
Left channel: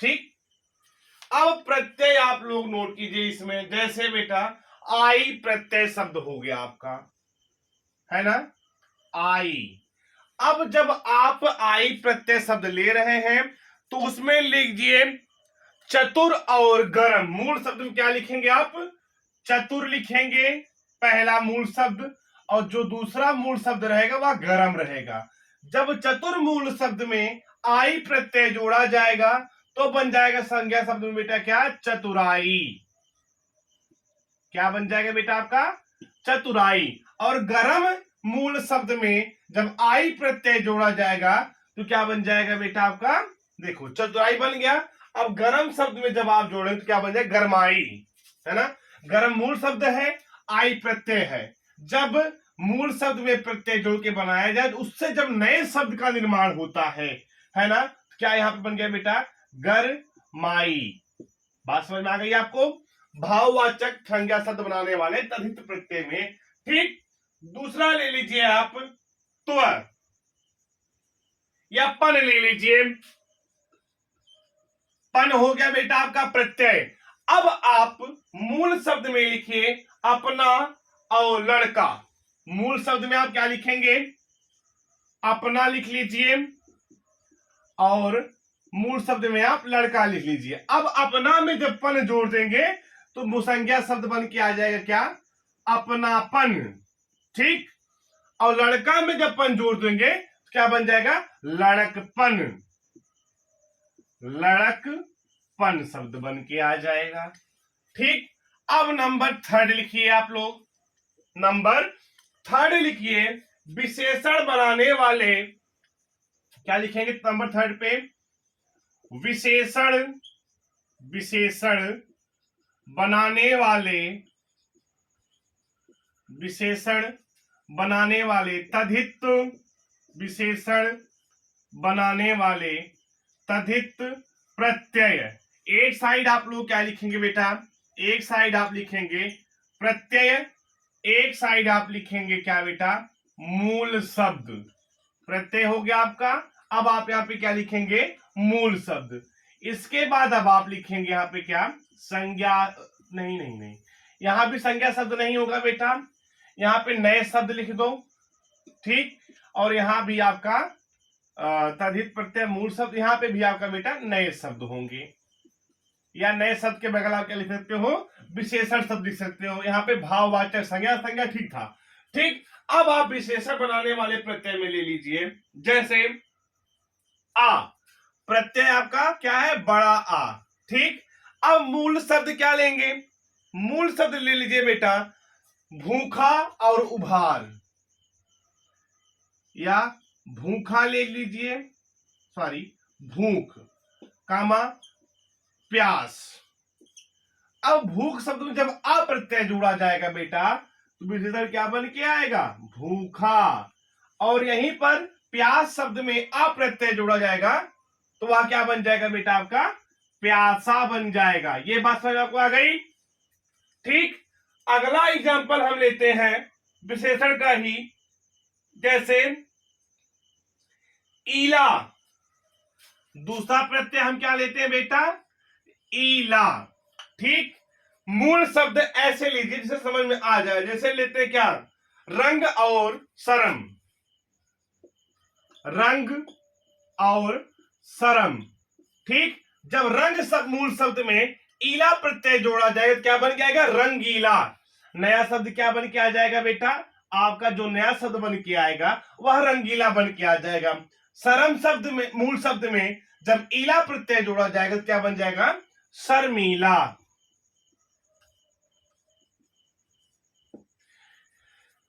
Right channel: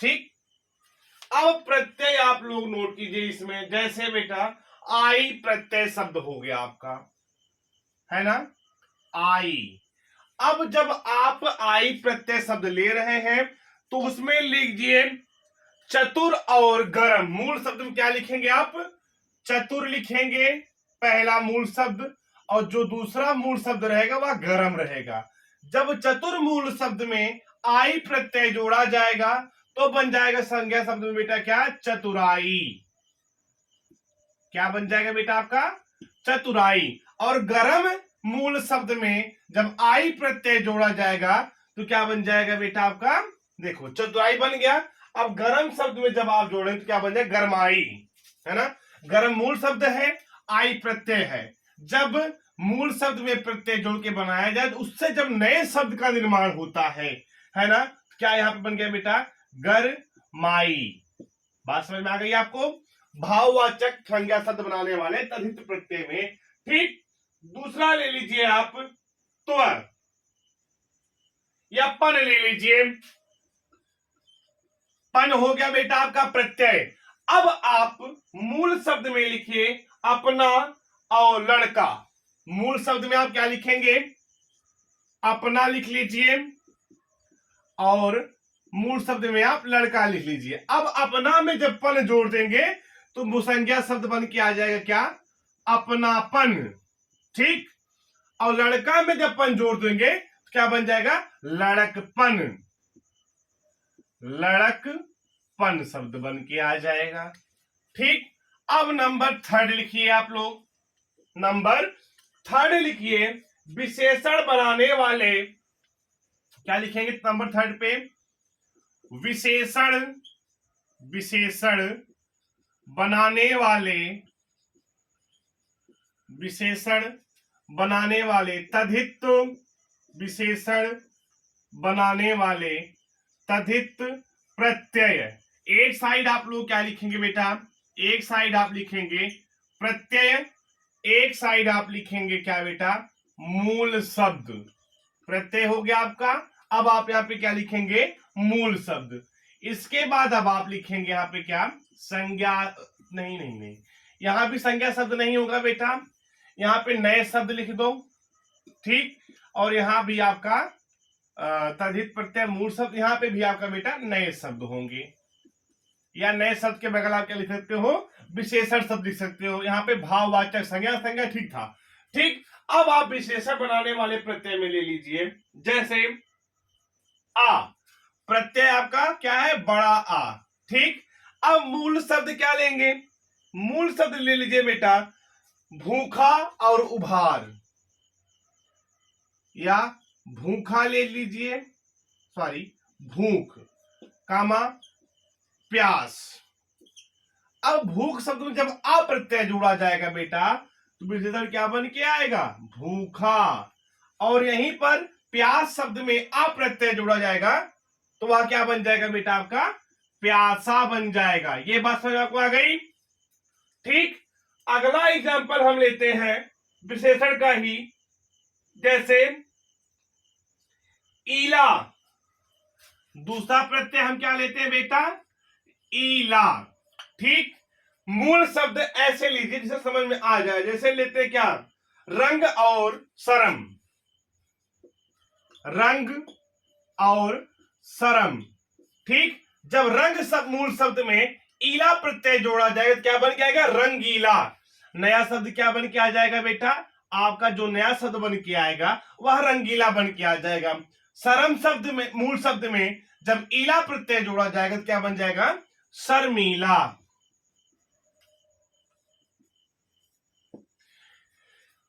ठीक, अब प्रत्यय आप लोग नोट कीजिए इसमें, जैसे बेटा आई प्रत्यय शब्द हो गया आपका, है ना, आई। अब जब आप आई प्रत्यय शब्द ले रहे हैं तो उसमें लिखिए चतुर और गरम। मूल शब्द में क्या लिखेंगे आप? चतुर लिखेंगे पहला मूल शब्द, और जो दूसरा मूल शब्द रहेगा वह गरम रहेगा। जब चतुर मूल शब्द में आई प्रत्यय जोड़ा जाएगा तो बन जाएगा संज्ञा शब्द में बेटा क्या? चतुराई। क्या बन जाएगा बेटा आपका? चतुराई। और गरम मूल शब्द में जब आई प्रत्यय जोड़ा जाएगा तो क्या बन जाएगा बेटा आपका? देखो, चतुराई बन गया। अब गरम शब्द में जब आप जोड़े तो क्या बन जाए? गरमाई, है ना। गरम मूल शब्द है, आई प्रत्यय है। जब मूल शब्द में प्रत्यय जोड़ के बनाया जाए तो उससे जब नए शब्द का निर्माण होता है ना, क्या यहां पे बन गया बेटा? गरमाई। बात समझ में आ गई आपको? भाववाचक संज्ञा शब्द बनाने वाले तद्धित प्रत्यय में। ठीक, दूसरा ले लीजिए आप त्वर या पन ले लीजिए। पन हो गया बेटा आपका प्रत्यय। अब आप मूल शब्द में लिखिए अपना और लड़का। मूल शब्द में आप क्या लिखेंगे? अपना लिख लीजिए, और मूल शब्द में आप लड़का लिख लीजिए। अब अपना में जब पन जोड़ देंगे तो मुसंज्ञा शब्द बन के आ जाएगा क्या? अपनापन। ठीक, और लड़का में जब पन जोड़ देंगे तो क्या बन जाएगा? लड़कपन। लड़कपन शब्द बन के आ जाएगा। ठीक, अब नंबर थर्ड लिखिए आप लोग। नंबर थर्ड लिखिए विशेषण बनाने वाले। क्या लिखेंगे नंबर थर्ड पे? विशेषण, विशेषण बनाने वाले, विशेषण बनाने वाले, तद्धित विशेषण बनाने वाले, तद्धित प्रत्यय। एक साइड आप लोग क्या लिखेंगे बेटा? एक साइड आप लिखेंगे प्रत्यय, एक साइड आप लिखेंगे क्या बेटा? मूल शब्द। प्रत्यय हो गया आपका। अब आप यहाँ पे क्या लिखेंगे? मूल शब्द। इसके बाद अब आप लिखेंगे यहाँ पे क्या? संज्ञा। नहीं नहीं नहीं, यहां भी संज्ञा शब्द नहीं होगा बेटा, यहाँ पे नए शब्द लिख दो। ठीक, और यहां भी आपका तद्धित प्रत्यय मूल शब्द, यहां पे भी आपका बेटा नए शब्द होंगे। या नए शब्द के बगल आप क्या लिख सकते हो? विशेषण शब्द लिख सकते हो। यहाँ पे भाववाचक संज्ञा, संज्ञा ठीक था। ठीक, अब आप विशेषण बनाने वाले प्रत्यय में ले लीजिए, जैसे आ। प्रत्यय आपका क्या है? बड़ा आ। ठीक, अब मूल शब्द क्या लेंगे? मूल शब्द ले लीजिए बेटा भूखा और उभार, या भूखा ले लीजिए, सॉरी भूख कामा प्यास। अब भूख शब्द में जब अप्रत्यय जोड़ा जाएगा बेटा तो विशेषण क्या बन के आएगा? भूखा। और यहीं पर प्यास शब्द में अप्रत्यय जोड़ा जाएगा तो वह क्या बन जाएगा बेटा? आपका प्यासा बन जाएगा। ये बात समझ आपको आ गई? ठीक, अगला एग्जाम्पल हम लेते हैं विशेषण का ही, जैसे ईला। दूसरा प्रत्यय हम क्या लेते हैं बेटा? ईला। ठीक, मूल शब्द ऐसे लीजिए जिसे समझ में आ जाए। जैसे लेते हैं क्या? रंग और शर्म। रंग और सरम। ठीक, जब रंग शब्द मूल शब्द में ईला प्रत्यय जोड़ा जाएगा तो क्या बन जाएगा? रंगीला। नया शब्द क्या बन के आ जाएगा बेटा? आपका जो नया शब्द बन के आएगा वह रंगीला बन के आ जाएगा। सरम शब्द में, मूल शब्द में जब ईला प्रत्यय जोड़ा जाएगा तो क्या बन जाएगा? शर्मीला।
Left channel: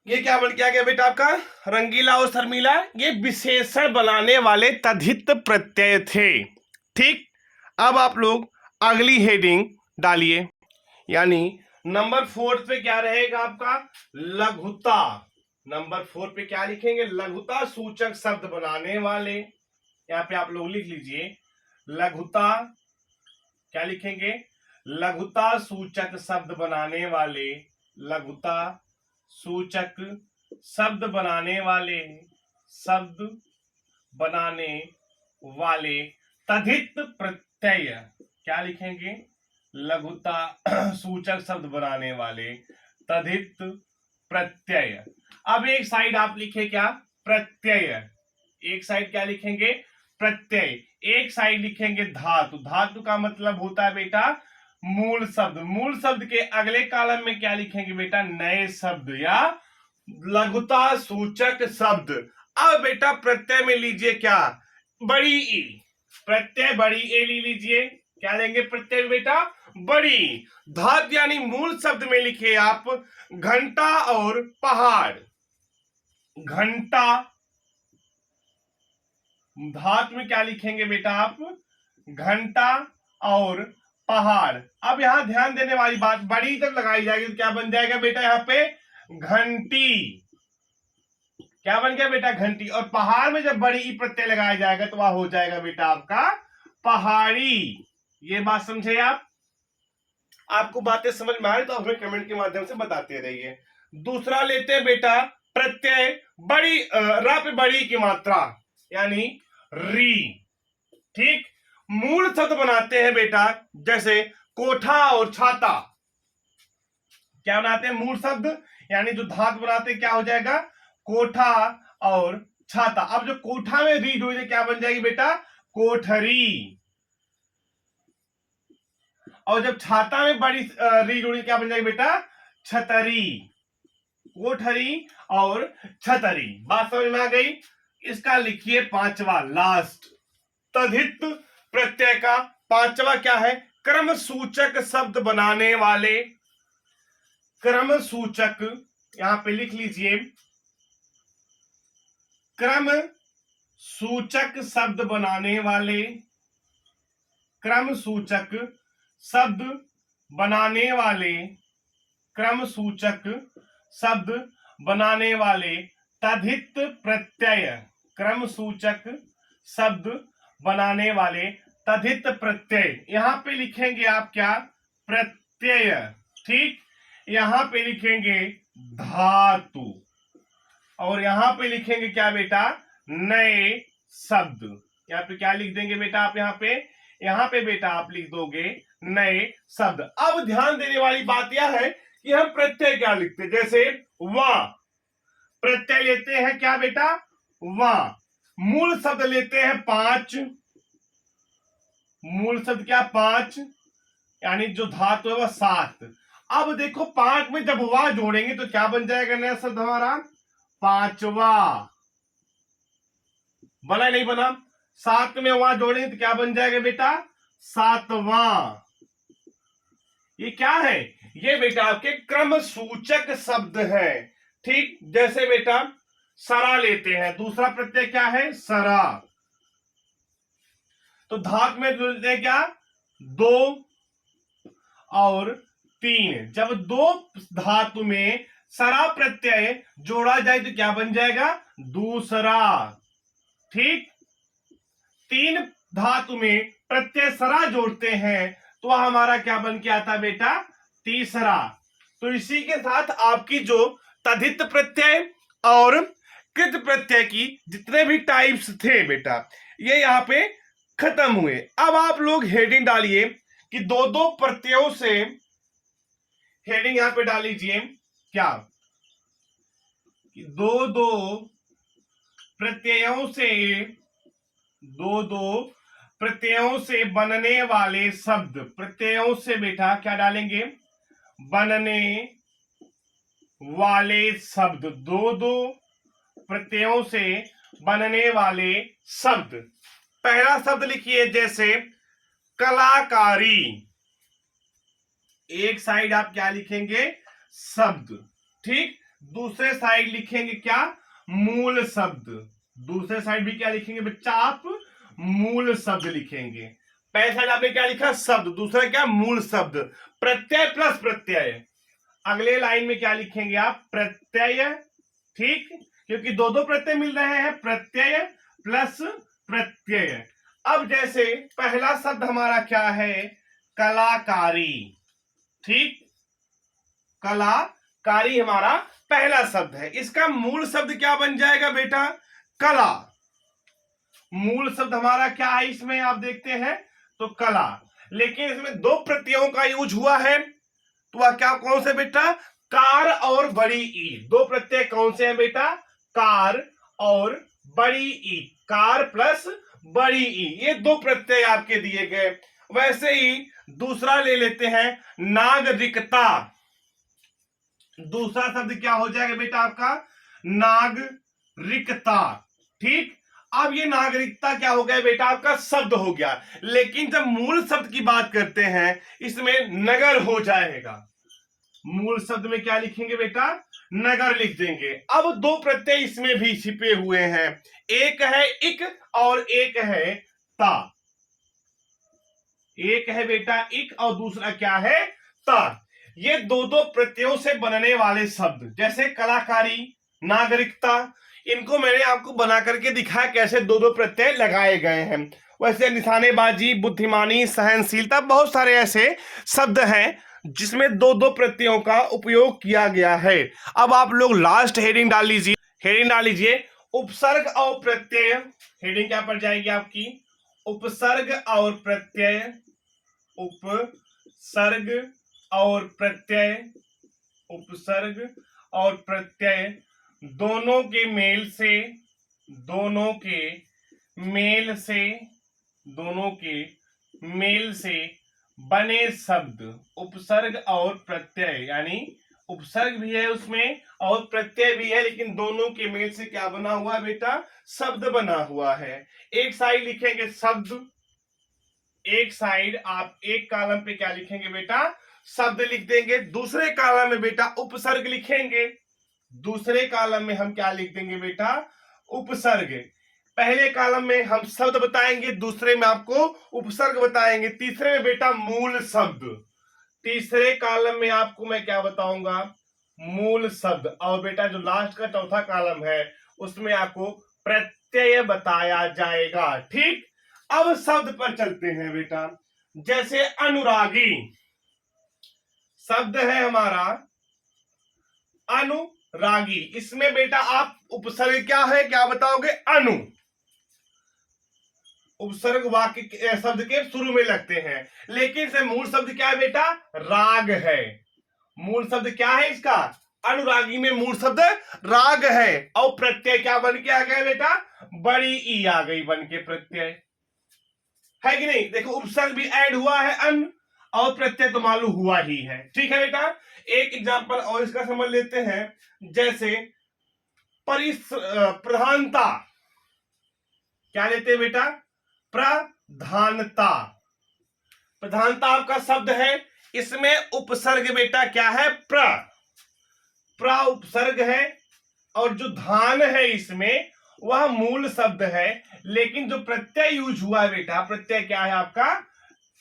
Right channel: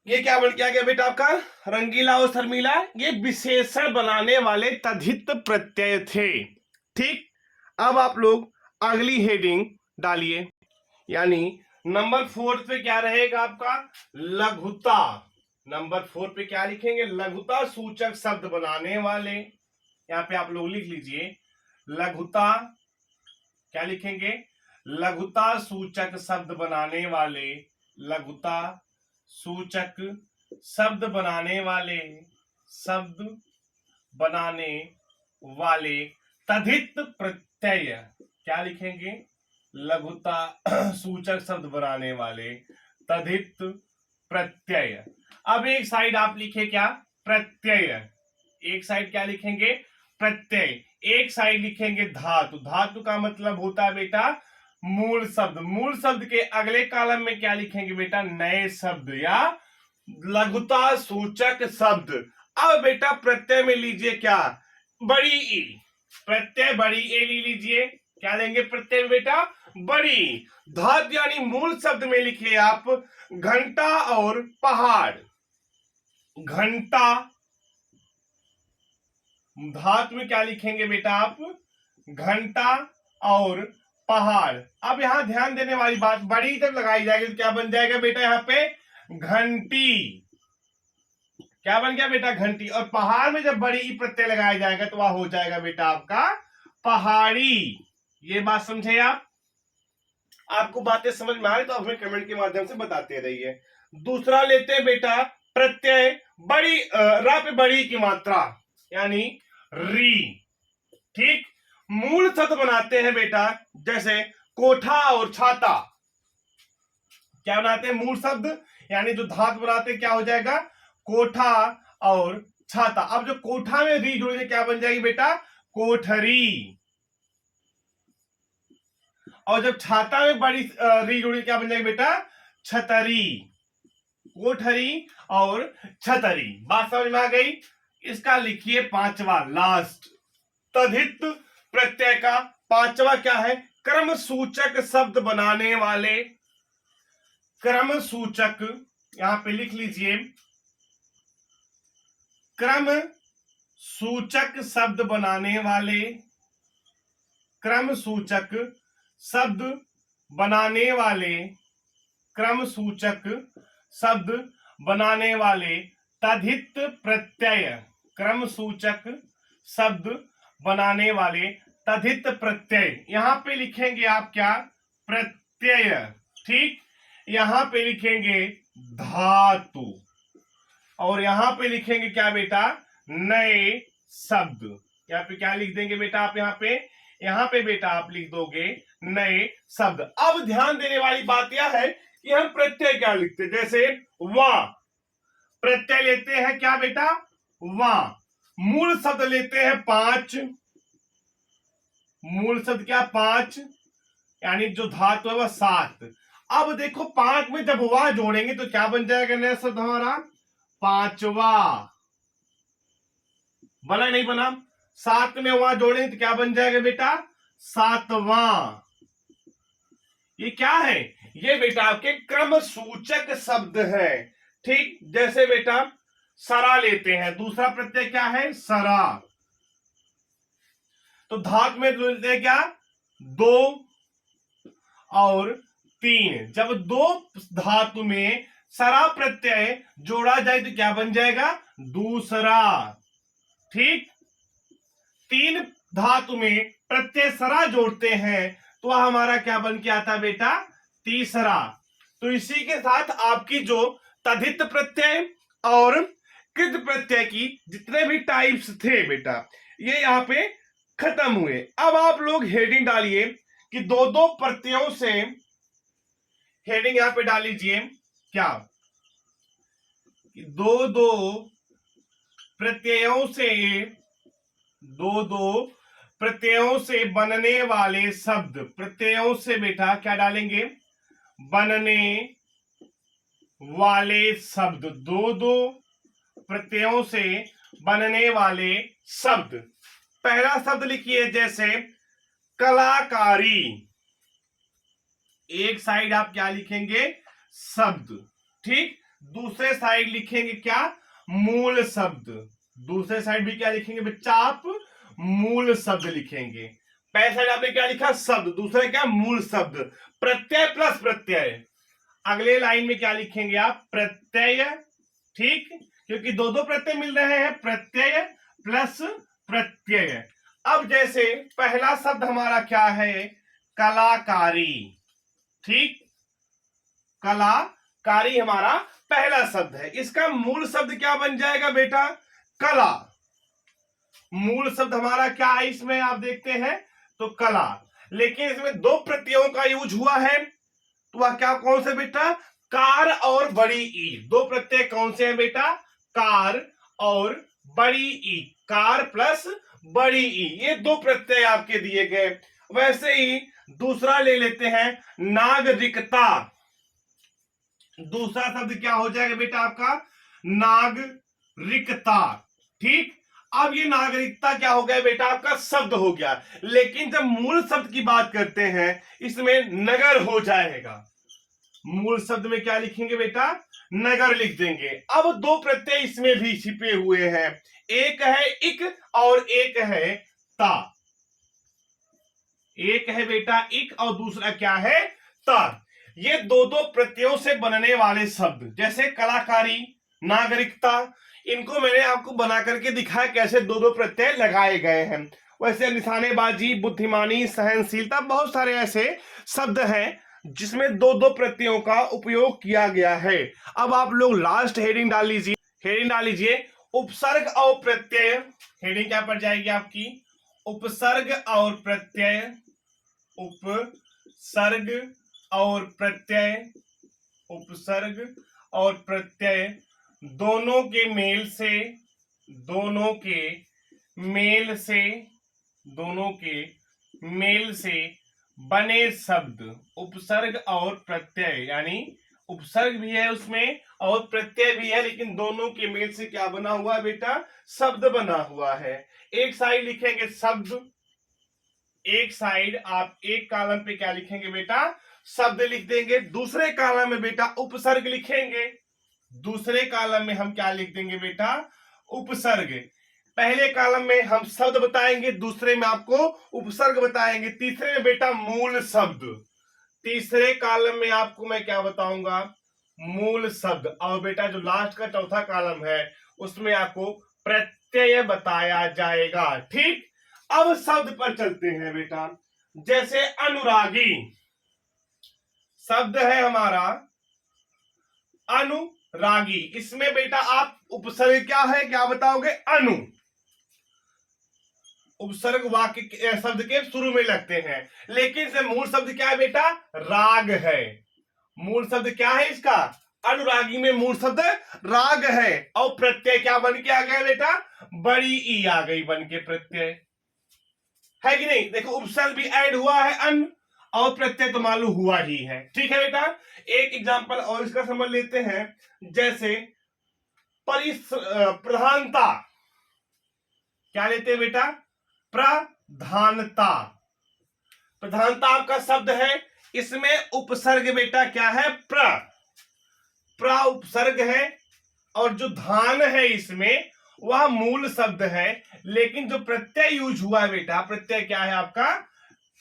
ये क्या बन के आ गया बेटा आपका? रंगीला और शर्मीला। ये विशेषण बनाने वाले तद्धित प्रत्यय थे। ठीक, अब आप लोग अगली हेडिंग डालिए, यानी नंबर 4 पे क्या रहेगा आपका? लघुता। नंबर 4 पे क्या लिखेंगे? लघुता सूचक शब्द बनाने वाले। यहां पे आप लोग लिख लीजिए लघुता। क्या लिखेंगे? लघुता सूचक शब्द बनाने वाले। लघुता सूचक शब्द बनाने वाले, शब्द बनाने वाले तद्धित प्रत्यय। क्या लिखेंगे? लघुता सूचक शब्द बनाने वाले तद्धित प्रत्यय। अब एक साइड आप लिखे क्या? प्रत्यय। एक साइड क्या लिखेंगे? प्रत्यय। एक साइड लिखेंगे धातु। धातु का मतलब होता है बेटा मूल शब्द। मूल शब्द के अगले कॉलम में क्या लिखेंगे बेटा? नए शब्द या लघुता सूचक शब्द। अब बेटा प्रत्यय में लीजिए क्या? बड़ी ई। प्रत्यय बड़ी ए ले लीजिए। क्या लेंगे प्रत्यय में बेटा? बड़ी। धातु यानी मूल शब्द में लिखे आप घंटा और पहाड़। घंटा। धातु में क्या लिखेंगे बेटा आप? घंटा और पहाड़। अब यहां ध्यान देने वाली बात, बड़ी जब लगाई जाएगी तो क्या बन जाएगा बेटा? यहां पे घंटी। क्या बन गया बेटा? घंटी। और पहाड़ में जब बड़ी ई प्रत्यय लगाया जाएगा तो वह हो जाएगा बेटा आपका पहाड़ी। ये बात समझे आप? आपको बातें समझ में आ रही तो हमें कमेंट के माध्यम से बताते रहिए। दूसरा लेते हैं बेटा प्रत्यय बड़ी रा पे बड़ी की मात्रा, यानी री। ठीक, मूल शब्द बनाते हैं बेटा, जैसे कोठा और छाता। क्या बनाते हैं? मूल शब्द, यानी जो धातु बनाते हैं क्या हो जाएगा? कोठा और छाता। अब जो कोठा में री जोड़े क्या बन जाएगी बेटा? कोठरी। और जब छाता में बड़ी री जोड़ी क्या बन जाएगी बेटा? छतरी। कोठरी और छतरी। बात समझ में आ गई? इसका लिखिए पांचवा, लास्ट। तद्धित प्रत्यय का पांचवा क्या है? क्रम सूचक शब्द बनाने वाले। क्रम सूचक, यहां पे लिख लीजिए क्रम सूचक शब्द बनाने वाले। क्रम सूचक शब्द बनाने वाले। क्रम सूचक शब्द बनाने वाले तद्धित प्रत्यय। क्रम सूचक शब्द बनाने वाले तद्धित प्रत्यय। यहां पे लिखेंगे आप क्या? प्रत्यय। ठीक, यहां पे लिखेंगे धातु। और यहां पे लिखेंगे क्या बेटा? नए शब्द। यहां पे क्या लिख देंगे बेटा आप? यहां पे बेटा आप लिख दोगे नए शब्द। अब ध्यान देने वाली बात यह है कि हम प्रत्यय क्या लिखते हैं। जैसे वा, प्रत्यय लेते हैं क्या बेटा? वा। मूल शब्द लेते हैं 5। मूल शब्द क्या? 5, यानी जो धातु है वह 7। अब देखो 5 में जब वा जोड़ेंगे तो क्या बन जाएगा नया शब्द हमारा? पांचवा। बना नहीं बना? 7 में वहां जोड़ेंगे तो क्या बन जाएगा बेटा? सातवां। ये क्या है? ये बेटा आपके क्रम सूचक शब्द है। ठीक, जैसे बेटा सरा लेते हैं, दूसरा प्रत्यय क्या है? सरा। तो धातु में लेते हैं क्या? 2 और 3। जब 2 धातु में सरा प्रत्यय जोड़ा जाए तो क्या बन जाएगा? दूसरा। ठीक, 3 धातु में प्रत्यय सरा जोड़ते हैं तो वह हमारा क्या बन के आता बेटा? तीसरा। तो इसी के साथ आपकी जो तद्धित प्रत्यय और कृत प्रत्यय की जितने भी टाइप्स थे बेटा, ये यहां पे खत्म हुए। अब आप लोग हेडिंग डालिए कि दो दो प्रत्ययों से, हेडिंग यहां पे डाल लीजिए क्या? कि दो दो प्रत्ययों से, दो दो प्रत्ययों से बनने वाले शब्द, प्रत्ययों से बेटा क्या डालेंगे, बनने वाले शब्द, दो दो प्रत्ययों से बनने वाले शब्द। पहला शब्द लिखिए जैसे कलाकारी, एक साइड आप क्या लिखेंगे, शब्द, ठीक। दूसरे साइड लिखेंगे क्या, मूल शब्द। दूसरे साइड भी क्या लिखेंगे बच्चा आप, मूल शब्द लिखेंगे। पहले साइड आपने क्या लिखा, शब्द, दूसरा क्या, मूल शब्द। प्रत्यय प्लस प्रत्यय, अगले लाइन में क्या लिखेंगे आप, प्रत्यय, ठीक, क्योंकि दो दो प्रत्यय मिल रहे हैं, प्रत्यय प्लस प्रत्यय। अब जैसे पहला शब्द हमारा क्या है, कलाकारी, ठीक, कलाकारी हमारा पहला शब्द है। इसका मूल शब्द क्या बन जाएगा बेटा, कला। मूल शब्द हमारा क्या है इसमें, आप देखते हैं तो कला, लेकिन इसमें दो प्रत्ययों का यूज हुआ है, तो वह क्या, कौन से बेटा, कार और बड़ी ई। दो प्रत्यय कौन से हैं बेटा, कार और बड़ी ई, कार प्लस बड़ी ई, ये दो प्रत्यय आपके दिए गए। वैसे ही दूसरा ले लेते हैं, नागरिकता। दूसरा शब्द क्या हो जाएगा बेटा आपका, नागरिकता, ठीक। अब ये नागरिकता क्या हो गया बेटा, आपका शब्द हो गया, लेकिन जब मूल शब्द की बात करते हैं इसमें नगर हो जाएगा। मूल शब्द में क्या लिखेंगे बेटा, नगर लिख देंगे। अब दो प्रत्यय इसमें भी छिपे हुए हैं, एक है इक और एक है ता। एक है बेटा इक और दूसरा क्या है, ता। ये दो दो प्रत्ययों से बनने वाले शब्द, जैसे कलाकारी, नागरिकता, इनको मैंने आपको बना करके दिखाया कैसे दो दो प्रत्यय लगाए गए हैं। वैसे निशानेबाजी, बुद्धिमानी, सहनशीलता, बहुत सारे ऐसे शब्द हैं जिसमें दो दो प्रत्ययों का उपयोग किया गया है। अब आप लोग लास्ट हेडिंग डाल लीजिए, हेडिंग डाल लीजिए, उपसर्ग और प्रत्यय। हेडिंग क्या पड़ जाएगी आपकी, उपसर्ग और प्रत्यय, उपसर्ग और प्रत्यय, उपसर्ग और प्रत्यय दोनों के मेल से, दोनों के मेल से, दोनों के मेल से बने शब्द। उपसर्ग और प्रत्यय, यानी उपसर्ग भी है उसमें और प्रत्यय भी है, लेकिन दोनों के मेल से क्या बना हुआ है बेटा, शब्द बना हुआ है। एक साइड लिखेंगे शब्द, एक साइड आप एक कॉलम पे क्या लिखेंगे बेटा, शब्द लिख देंगे। दूसरे कॉलम में बेटा उपसर्ग लिखेंगे, दूसरे कॉलम में हम क्या लिख देंगे बेटा, उपसर्ग। पहले कॉलम में हम शब्द बताएंगे, दूसरे में आपको उपसर्ग बताएंगे, तीसरे में बेटा मूल शब्द। तीसरे कॉलम में आपको मैं क्या बताऊंगा, मूल शब्द। और बेटा जो लास्ट का चौथा कॉलम है उसमें आपको प्रत्यय बताया जाएगा, ठीक। अब शब्द पर चलते हैं बेटा, जैसे अनुरागी शब्द है हमारा, अनुरागी, इसमें बेटा आप उपसर्ग क्या है, क्या बताओगे, अनु। उपसर्ग वाक्य शब्द के शुरू में लगते हैं, लेकिन इसमें मूल शब्द क्या है बेटा, राग है। मूल शब्द क्या है इसका, अनुरागी में मूल शब्द राग है। और प्रत्यय क्या बन के आ गया बेटा, बड़ी ई आ गई बन के प्रत्यय, है कि नहीं। देखो उपसर्ग भी ऐड हुआ है अन, और प्रत्यय तो मालूम हुआ ही है, ठीक है बेटा। एक एग्जांपल और इसका समझ लेते हैं, जैसे प्रधानता, क्या लेते हैं बेटा, प्रधानता। प्रधानता आपका शब्द है, इसमें उपसर्ग बेटा क्या है, प्र उपसर्ग है, और जो धान है इसमें वह मूल शब्द है, लेकिन जो प्रत्यय यूज हुआ है बेटा, प्रत्यय क्या है आपका,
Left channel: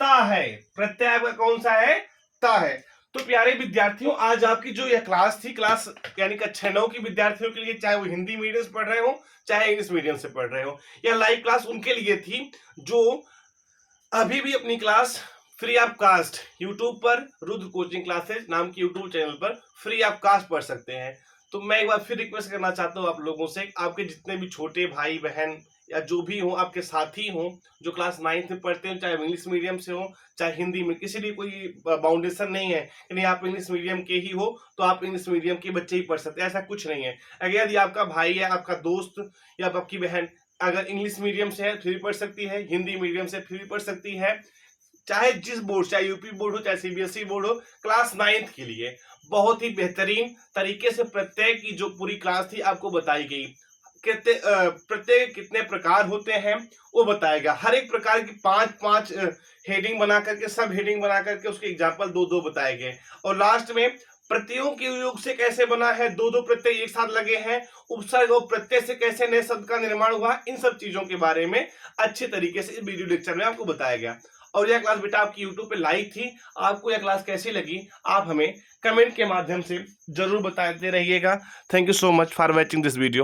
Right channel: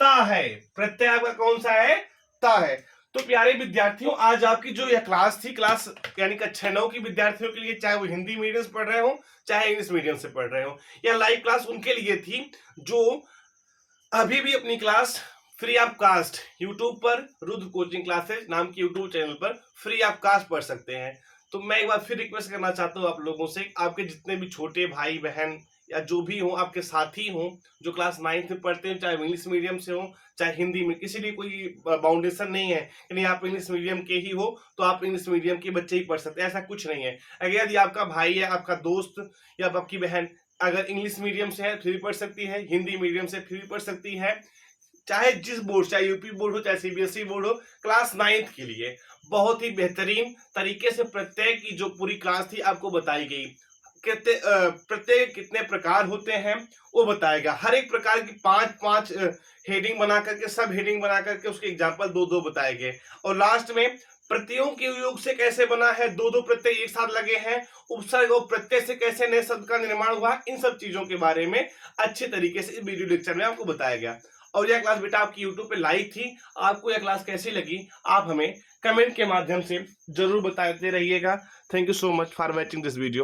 ता है। प्रत्यय आपका कौन सा है, ता है। तो प्यारे विद्यार्थियों, आज आपकी जो यह क्लास थी, क्लास यानी कक्षा 9 की विद्यार्थियों के लिए, चाहे वो हिंदी मीडियम से पढ़ रहे हो चाहे इंग्लिश मीडियम से पढ़ रहे हो, यह लाइव क्लास उनके लिए थी जो अभी भी अपनी class free of cost YouTube पर रुद्र कोचिंग क्लासेज नाम की यूट्यूब चैनल पर फ्री ऑफ कास्ट पढ़ सकते हैं। तो मैं एक बार फिर रिक्वेस्ट करना चाहता हूँ आप लोगों से, आपके जितने भी छोटे भाई बहन या जो भी हो, आपके साथी हो जो क्लास 9th में पढ़ते हैं, चाहे इंग्लिश मीडियम से हो चाहे हिंदी में, किसी लिए कोई बाउंडेशन नहीं है कि नहीं आप इंग्लिश मीडियम के ही हो तो आप इंग्लिश मीडियम के बच्चे ही पढ़ सकते हैं, ऐसा कुछ नहीं है। अगर यदि आपका भाई है, आपका दोस्त या आपकी बहन अगर इंग्लिश मीडियम से है फिर भी पढ़ सकती है, हिंदी मीडियम से फिर भी पढ़ सकती है, चाहे जिस बोर्ड, चाहे यूपी बोर्ड हो चाहे सीबीएसई बोर्ड हो, क्लास 9th के लिए बहुत ही बेहतरीन तरीके से प्रत्येक की जो पूरी क्लास थी आपको बताई गई। प्रत्येक कितने प्रकार होते हैं वो बताएगा। हर एक प्रकार की 5-5 हेडिंग बना करके, सब हेडिंग बना करके उसके एग्जाम्पल 2-2 बताए गए। और लास्ट में प्रत्ययों के योग से कैसे बना है, 2-2 प्रत्यय एक साथ लगे हैं, उपसर्ग और प्रत्यय से कैसे नए शब्द का निर्माण हुआ, इन सब चीजों के बारे में अच्छे तरीके से इस वीडियो लेक्चर में आपको बताया गया। और यह क्लास बेटा आपकी यूट्यूब पे लाइव थी। आपको यह क्लास कैसी लगी आप हमें कमेंट के माध्यम से जरूर बताते रहिएगा। Thank you so much for watching this video.